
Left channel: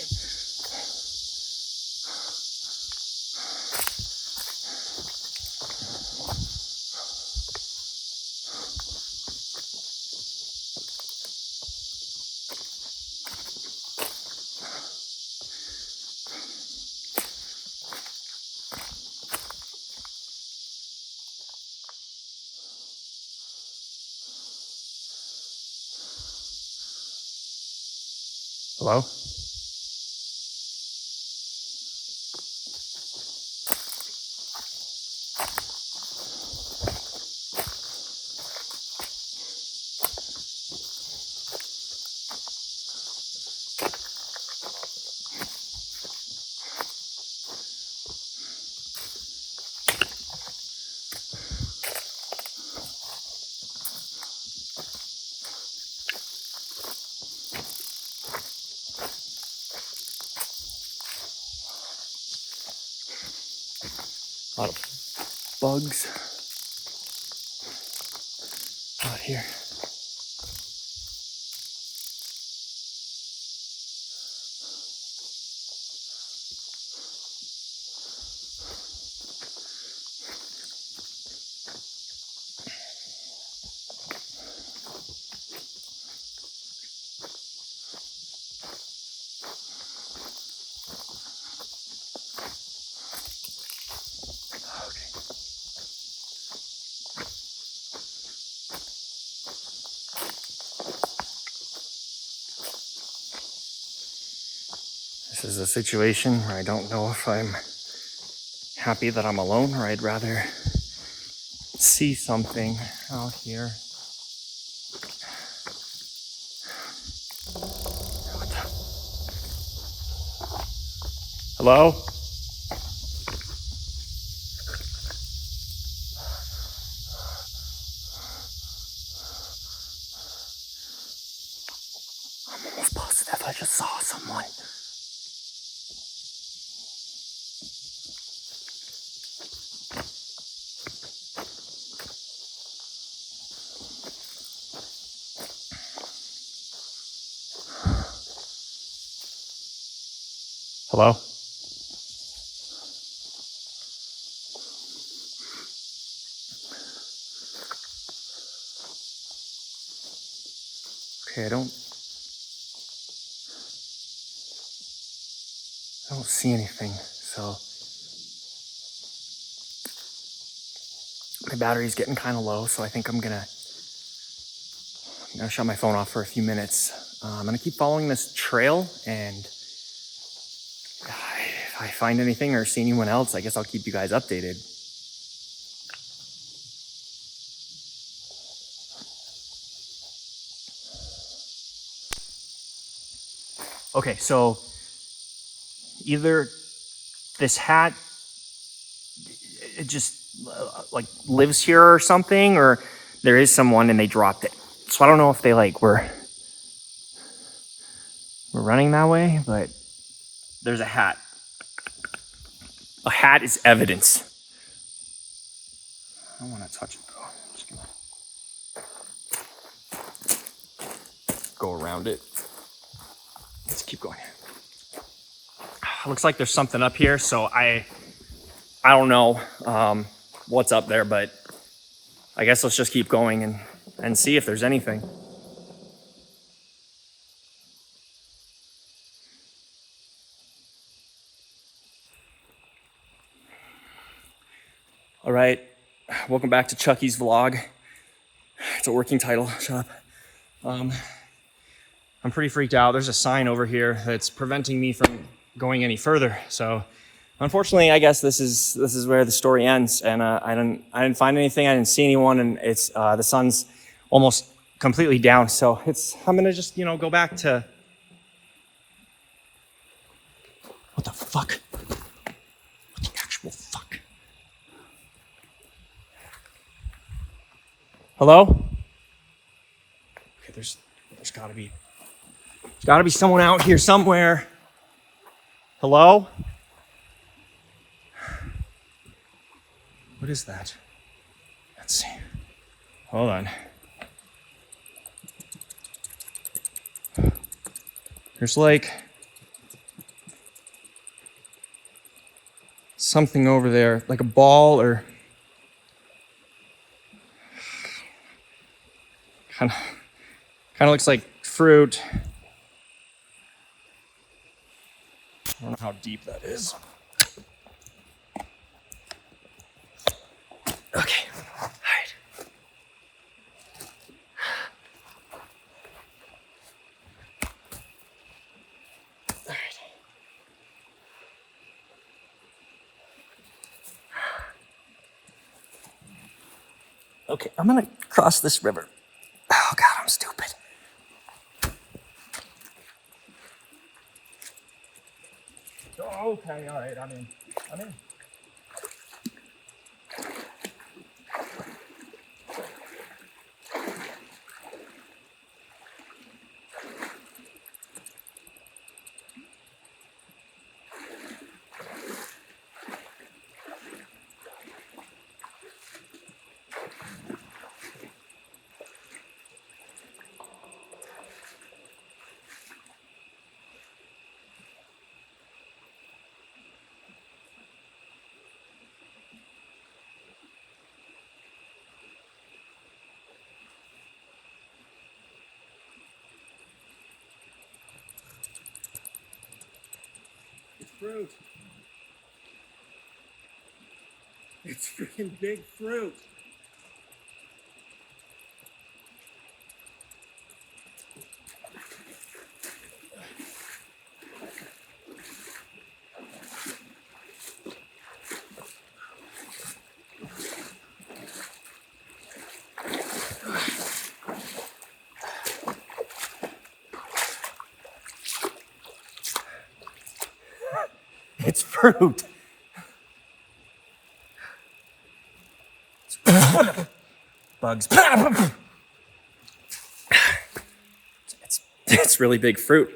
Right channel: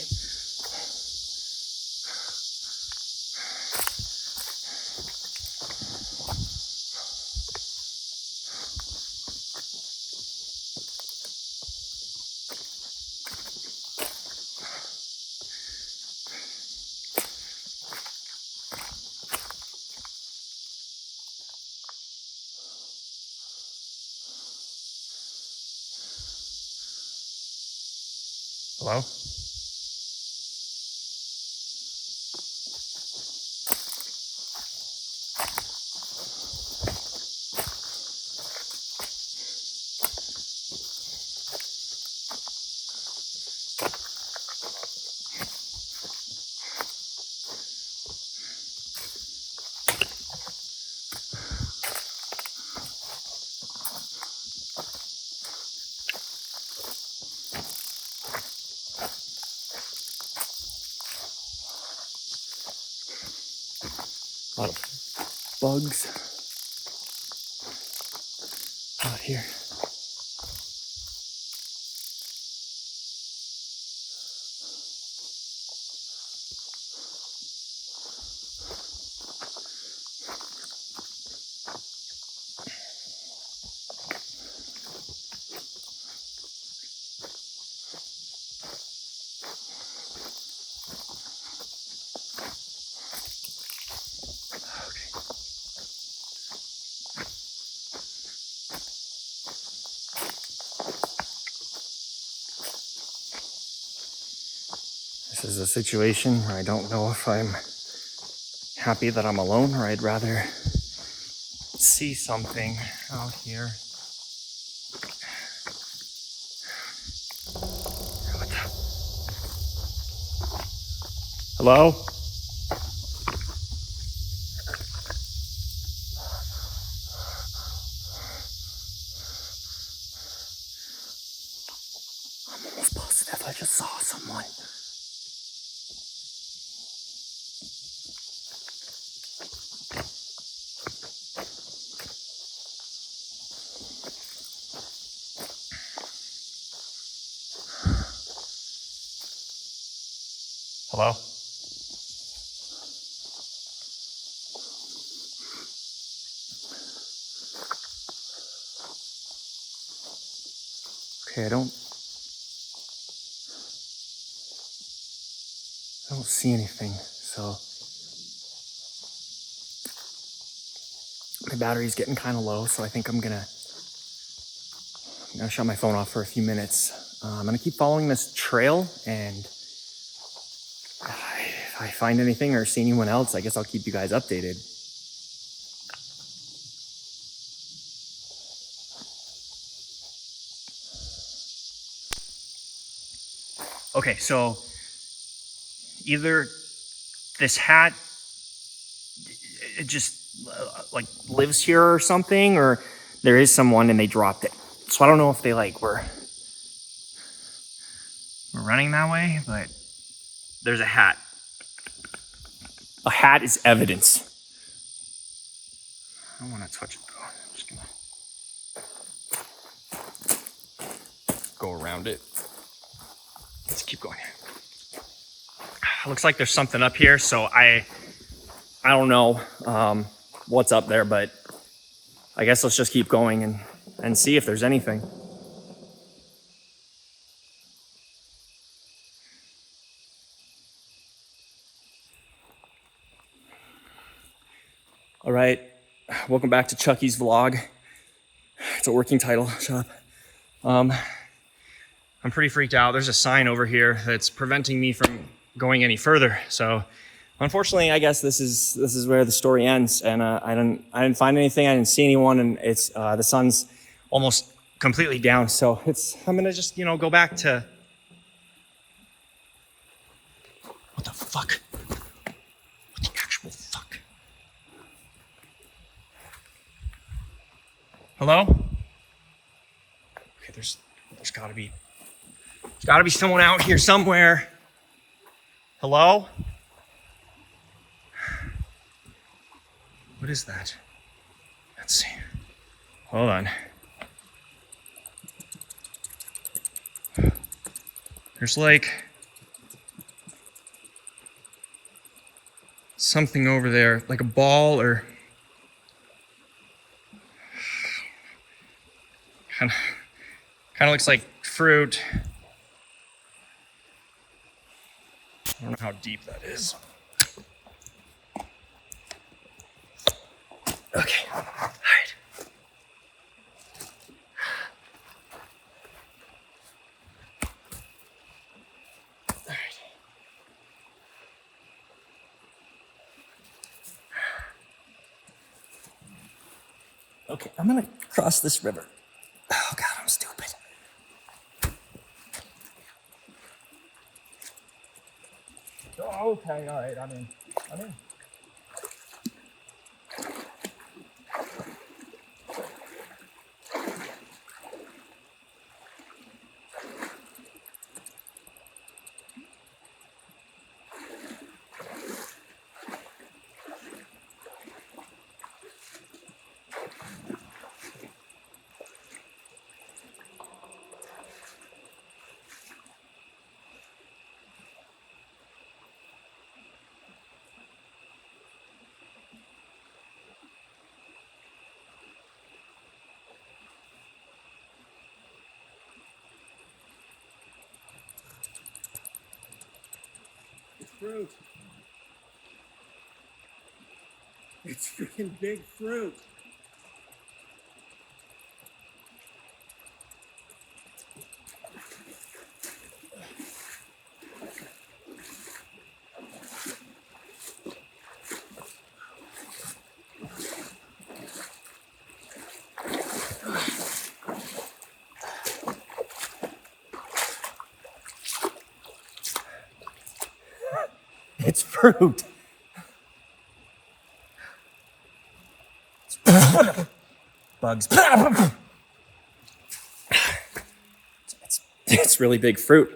Hello? A lot of bugs out here. This is a situation where I don't know if I'm happy that I'm alone or I'd rather see something out here. Hello? I'm almost positive I just saw someone. Hello? Okay, I don't see anything, so my battery's getting kind of low, so I think I'm gonna shut my phone off for a few minutes. I'm gonna keep following this trail, and if I find anything or see anyone else, I guess I'll keep you guys updated. Okay, so either this hat, it just like lives here or something, or there is someone and they dropped it. So I don't know if they were running that way, but there's a hat. A hat is evidence. I don't want to touch it though. I'm just gonna go around it. Let's keep going. Looks like there's something up here, so I I don't know what's up there, but I guess let's just keep going and see if there's anything. All right, welcome back to Chuckie's vlog. It's a working title, shut up. I'm pretty freaked out. There's a sign over here that's preventing me from going any further. So unfortunately, I guess this is where the story ends. And I didn't find anything. I didn't see anyone, and it's the sun's almost completely down. So I'm gonna just go back to. What the fuck? What the actual fuck? Hello? Okay, there's gotta be someone out here somewhere. Hello? What is that? Let's see. Hold on. There's like something over there, like a ball or kind of looks like fruit. I don't know how deep that is. Okay, all right. All right. Okay, I'm gonna cross this river. Oh God, I'm stupid. Oh, okay, all right, I'm in. Fruit. It's freaking big fruit. It's fruit. Bugs. It's really big fruit.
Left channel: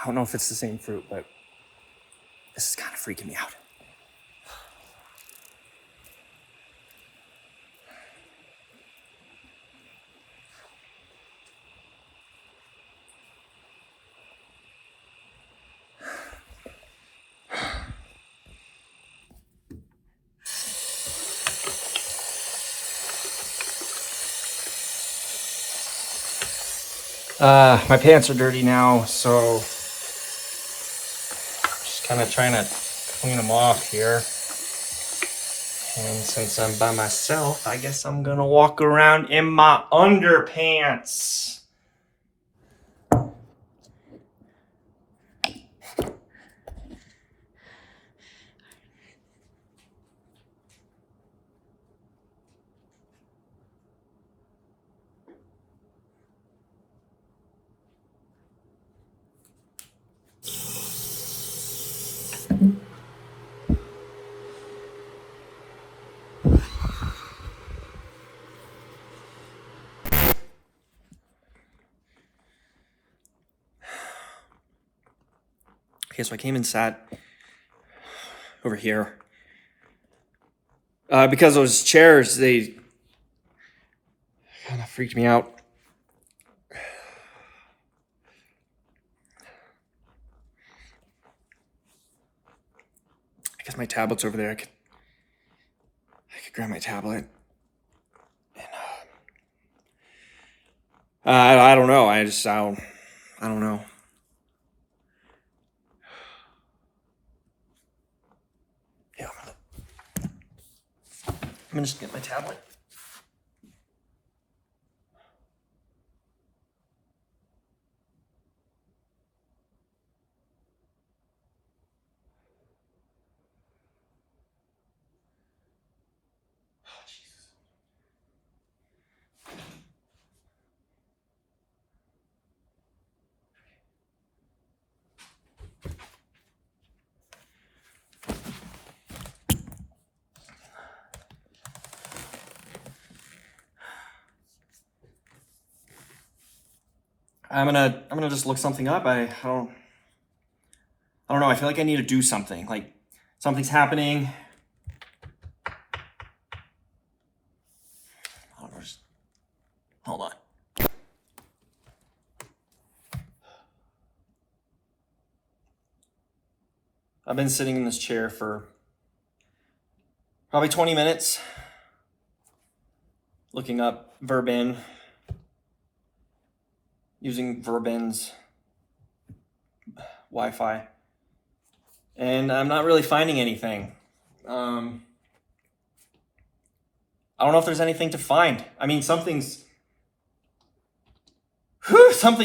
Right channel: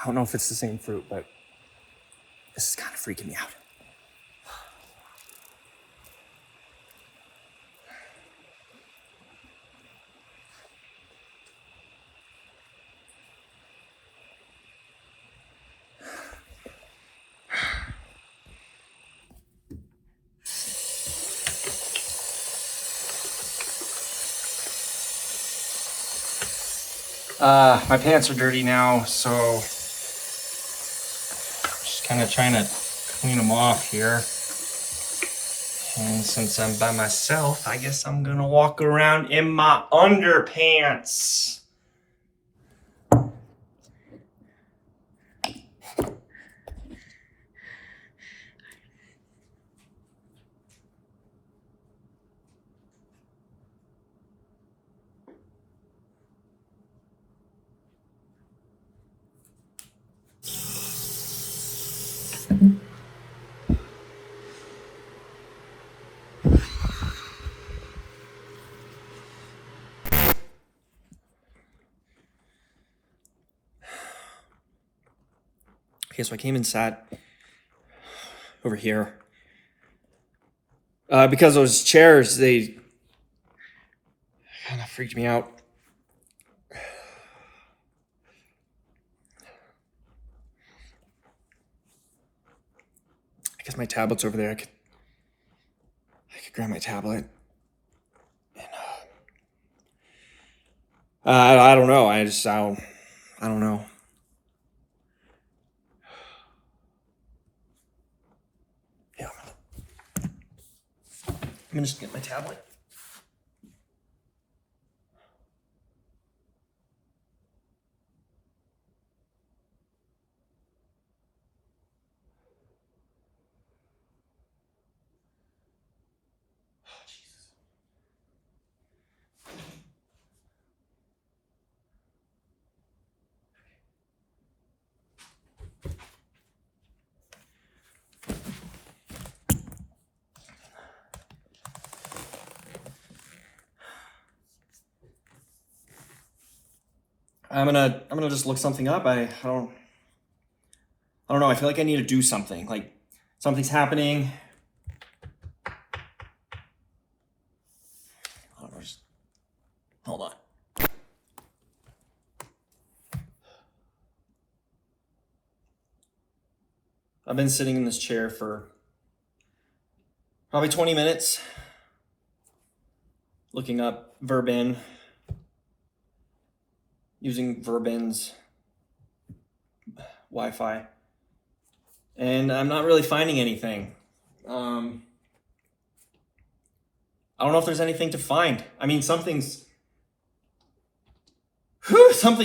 I don't know if it's the same fruit, but this is kind of freaking me out. My pants are dirty now, so just kind of trying to clean them off here. And since I'm by myself, I guess I'm gonna walk around in my underpants. Okay, so I came and sat over here. Because those chairs, they kind of freaked me out. I guess my tablet's over there. I could grab my tablet. And I don't know. I don't know. Yeah, I'm gonna just get my tablet. I'm gonna just look something up. I don't know. I feel like I need to do something. Like something's happening. Hold on. I've been sitting in this chair for probably 20 minutes, looking up Verbin. Using Verbin's Wi-Fi, and I'm not really finding anything. I don't know if there's anything to find. I mean, something's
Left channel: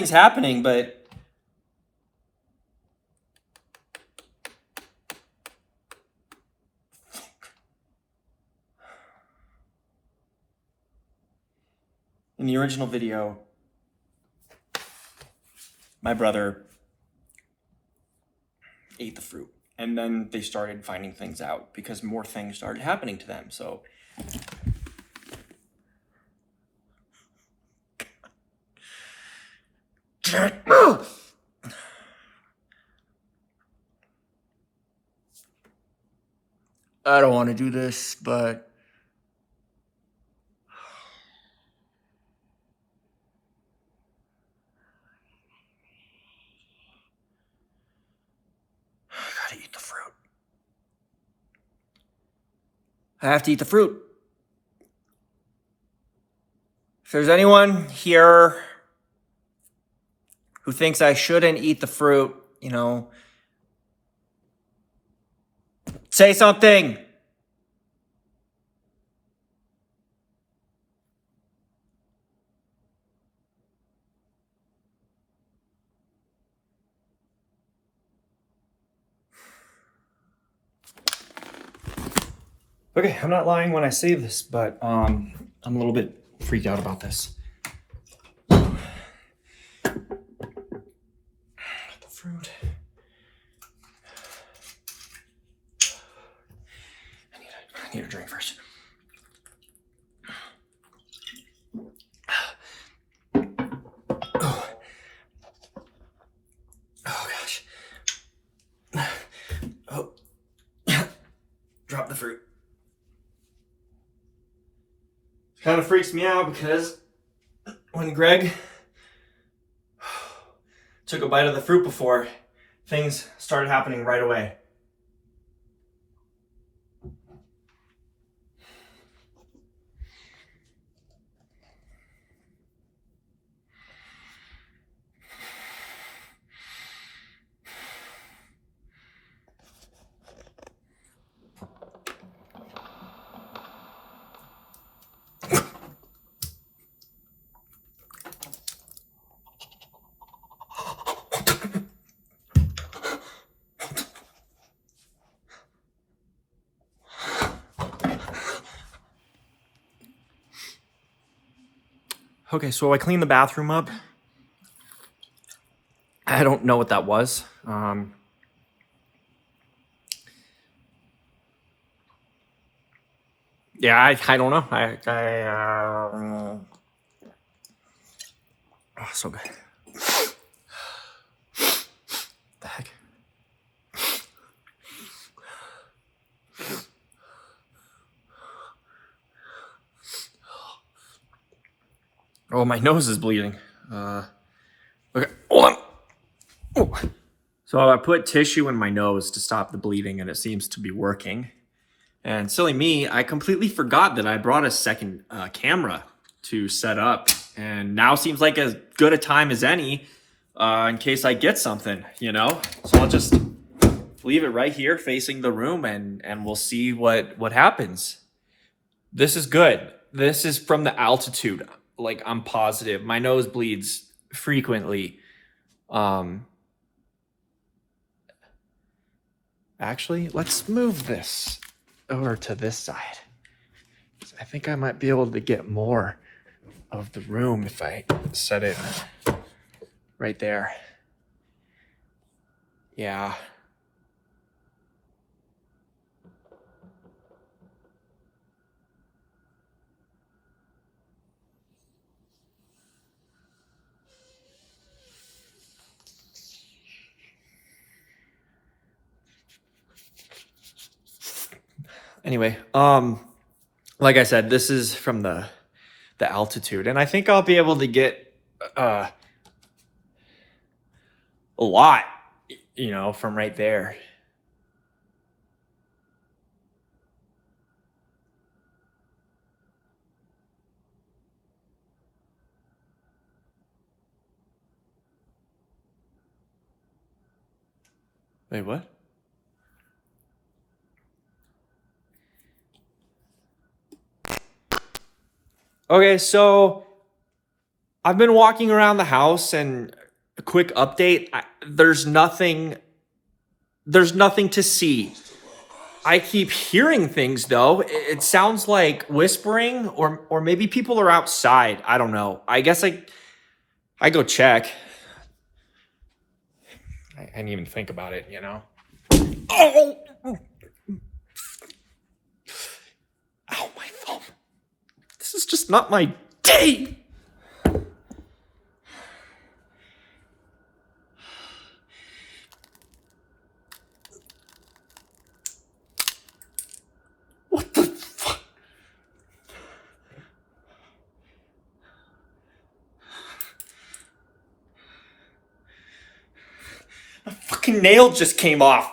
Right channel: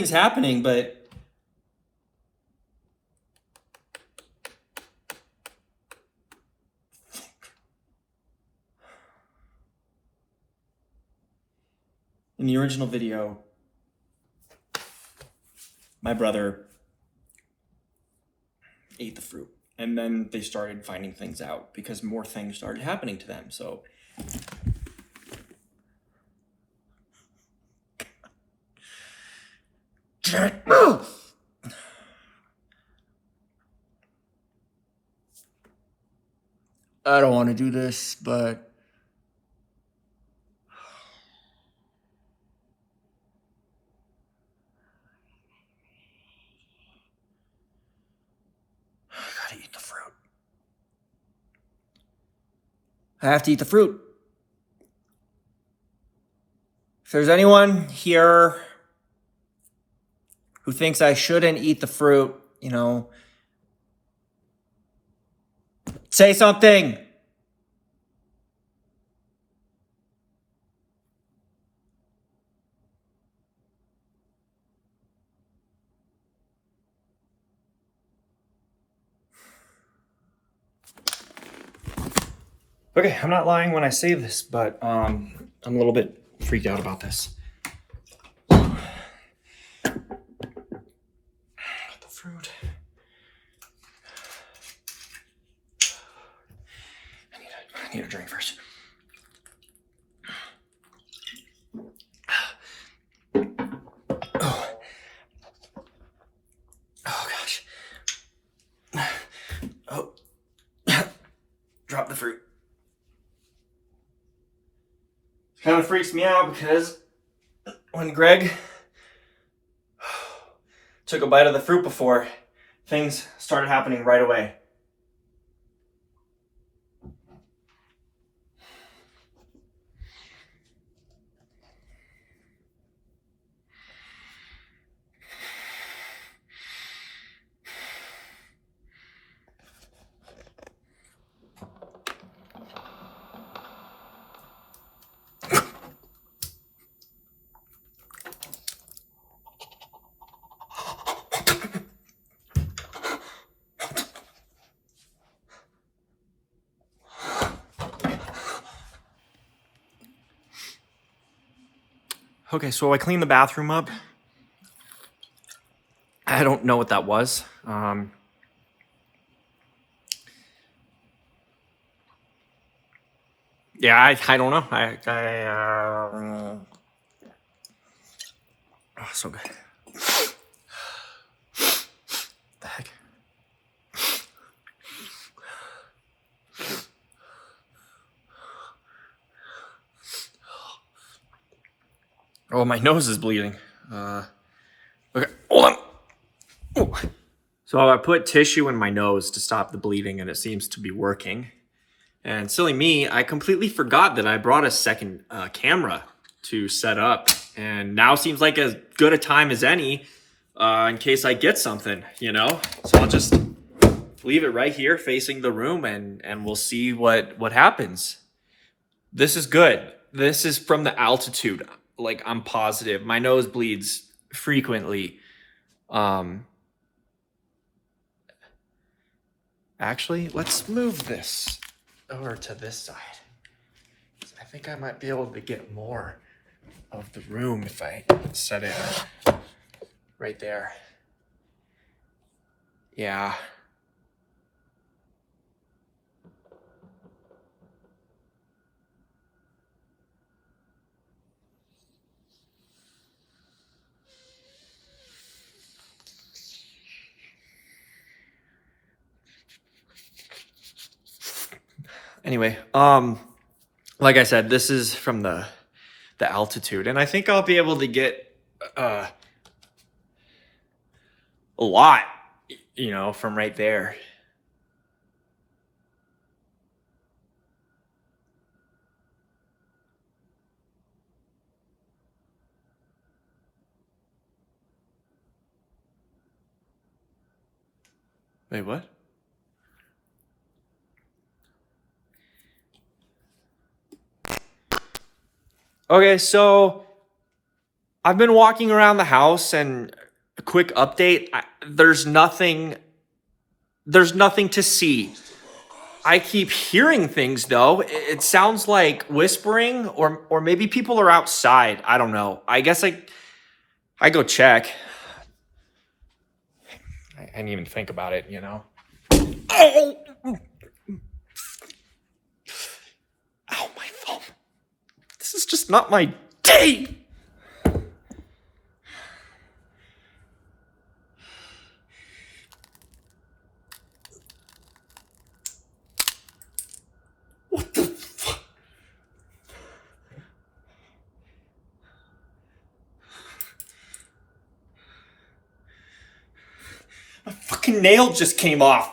happening, but in the original video, my brother ate the fruit, and then they started finding things out because more things started happening to them. So can't move. I don't want to do this, but I have to eat the fruit. If there's anyone here who thinks I shouldn't eat the fruit, you know, say something. Okay, I'm not lying when I say this, but I'm a little bit freaked out about this. The fruit. I need a drink first. Oh. Oh gosh. Oh. Drop the fruit. Kind of freaks me out because when Greg took a bite of the fruit before, things started happening right away. Okay, so I cleaned the bathroom up. I don't know what that was. Yeah, I don't know. Oh, so good. The heck? Oh, my nose is bleeding. Okay, hold on. Oh. So I put tissue in my nose to stop the bleeding, and it seems to be working. And silly me, I completely forgot that I brought a second camera to set up, and now seems like as good a time as any in case I get something, you know? So I'll just leave it right here facing the room, and we'll see what happens. This is good. This is from the altitude. Like, I'm positive. My nose bleeds frequently. Actually, let's move this over to this side. I think I might be able to get more of the room if I set it right there. Yeah. Anyway, like I said, this is from the altitude, and I think I'll be able to get a lot, you know, from right there. Wait, what? Okay, so I've been walking around the house, and a quick update, there's nothing to see. I keep hearing things though. It sounds like whispering, or maybe people are outside. I don't know. I guess I go check. I didn't even think about it, you know. Oh! Ow, my thumb. This is just not my day. What the fuck? My fucking nail just came off.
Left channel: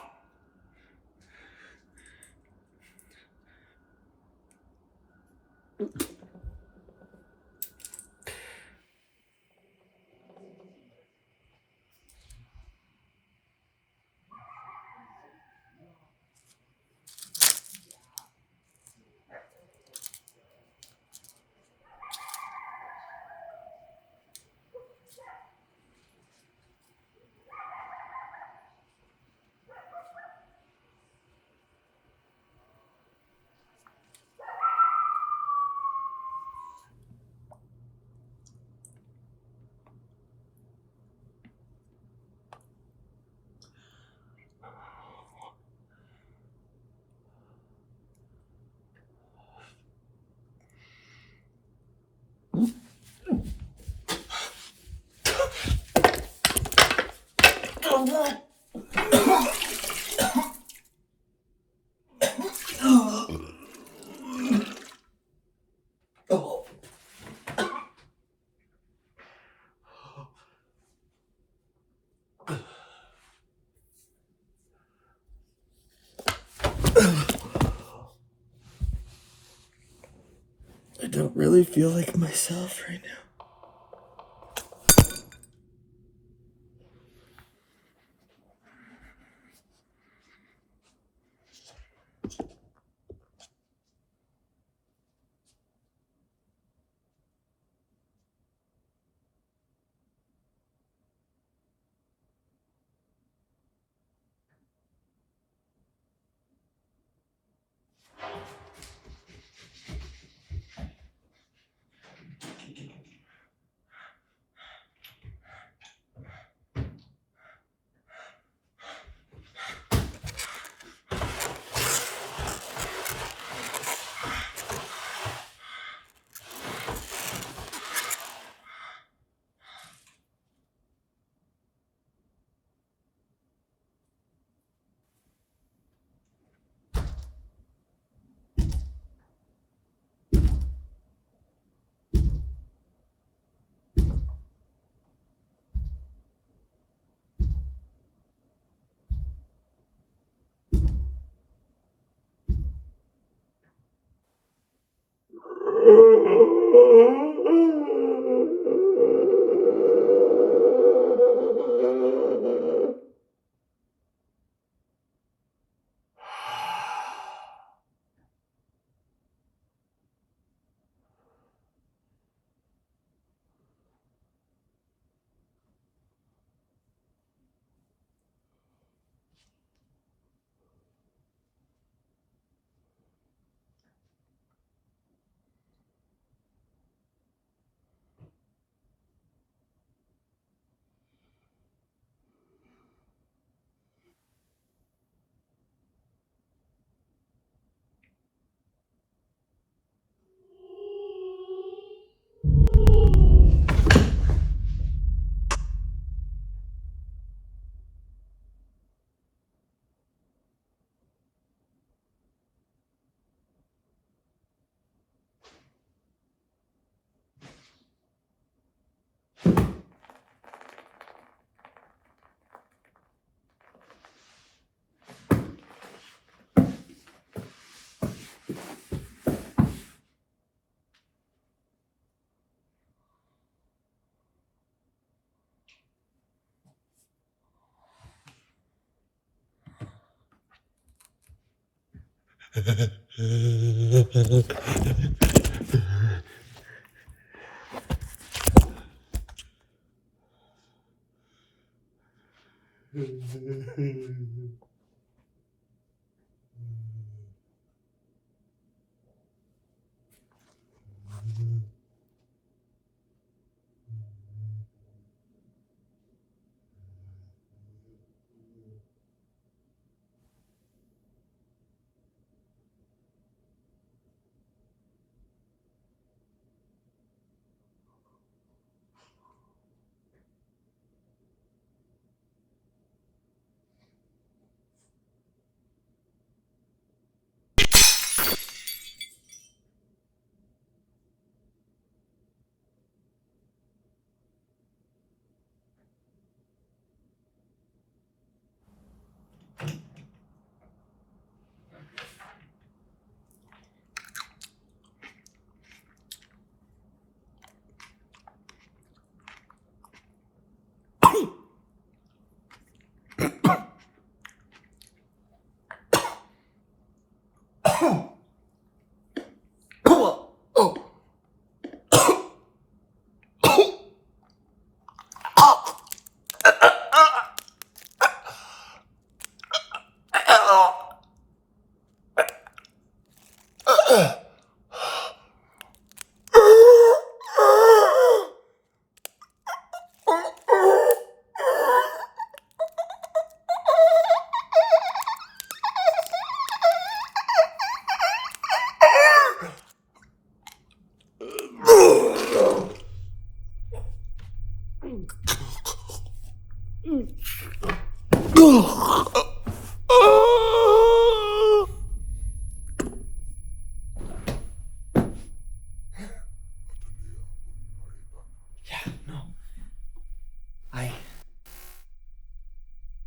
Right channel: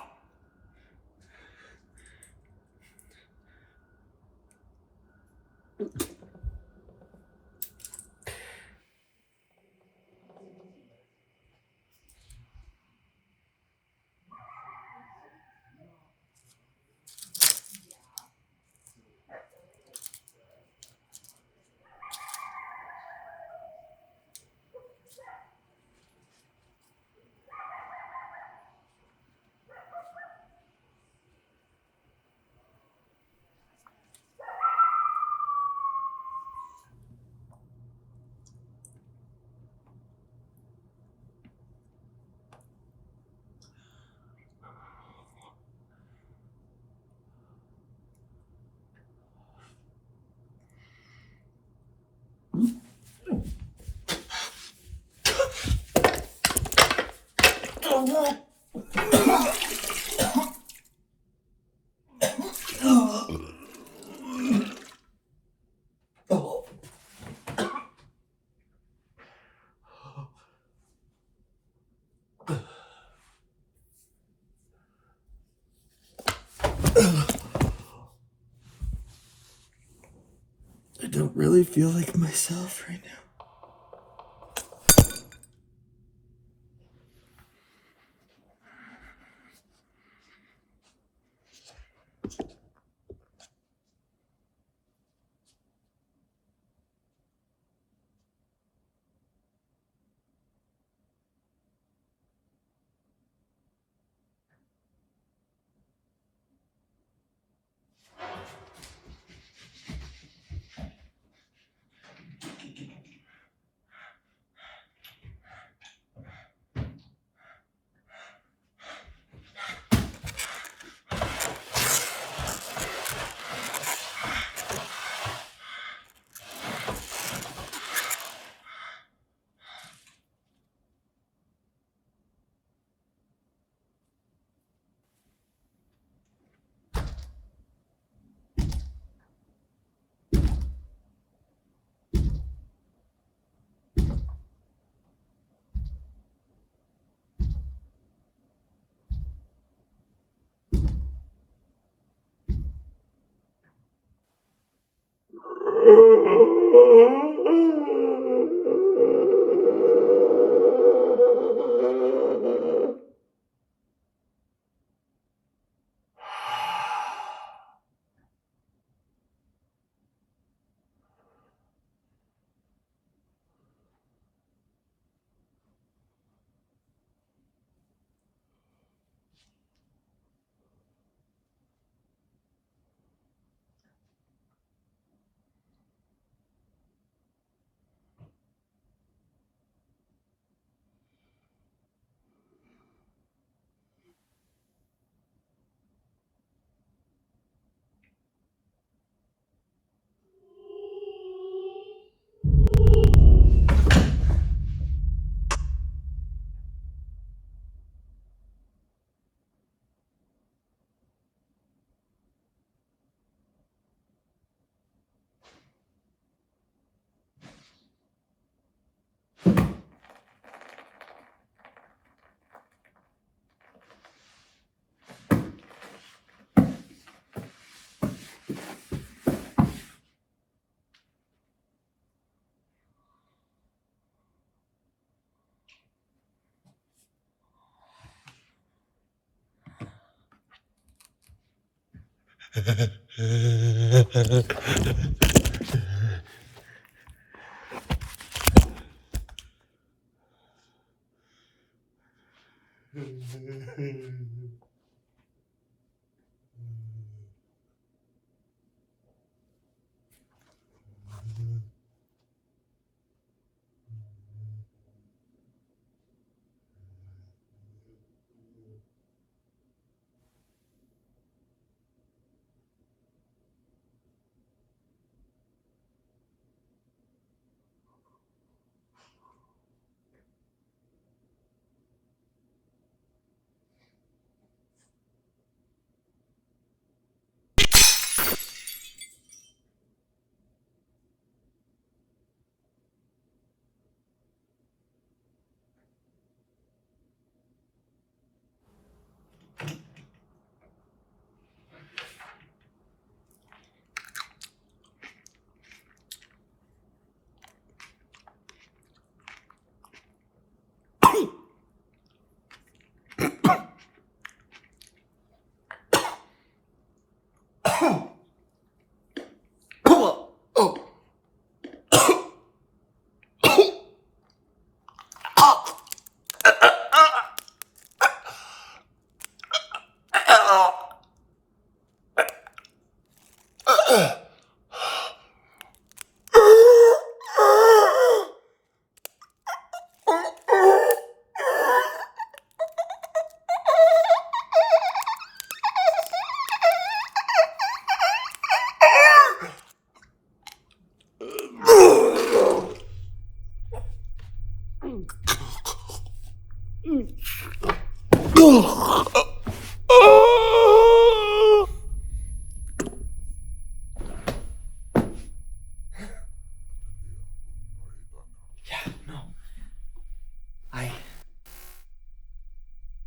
I don't really feel like myself right now.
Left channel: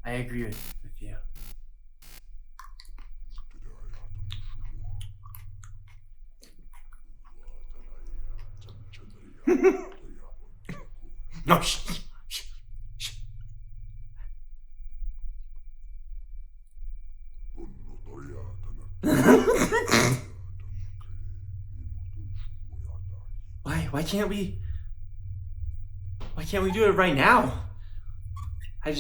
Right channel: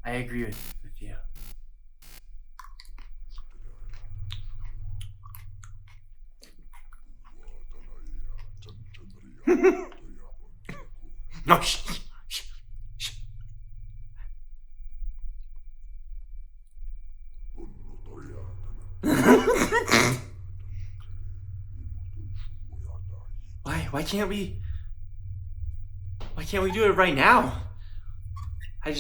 I agree with you. No, shh. Why can't we? Why can't we do it right now? I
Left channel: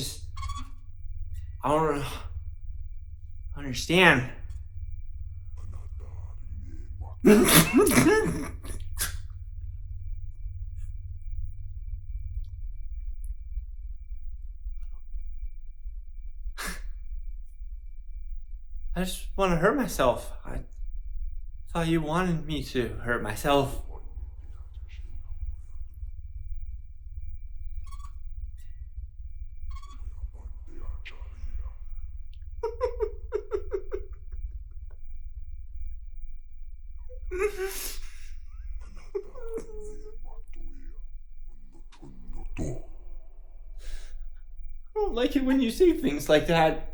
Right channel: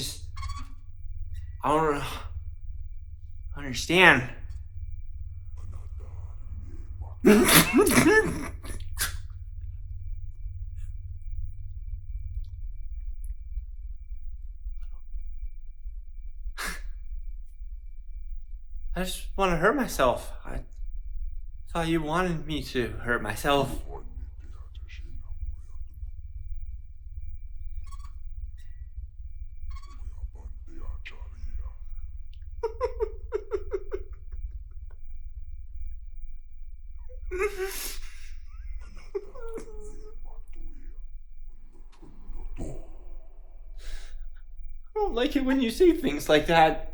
don't understand. I just want to hurt myself. I thought you wanted me to hurt myself. I don't like it when you say things like that.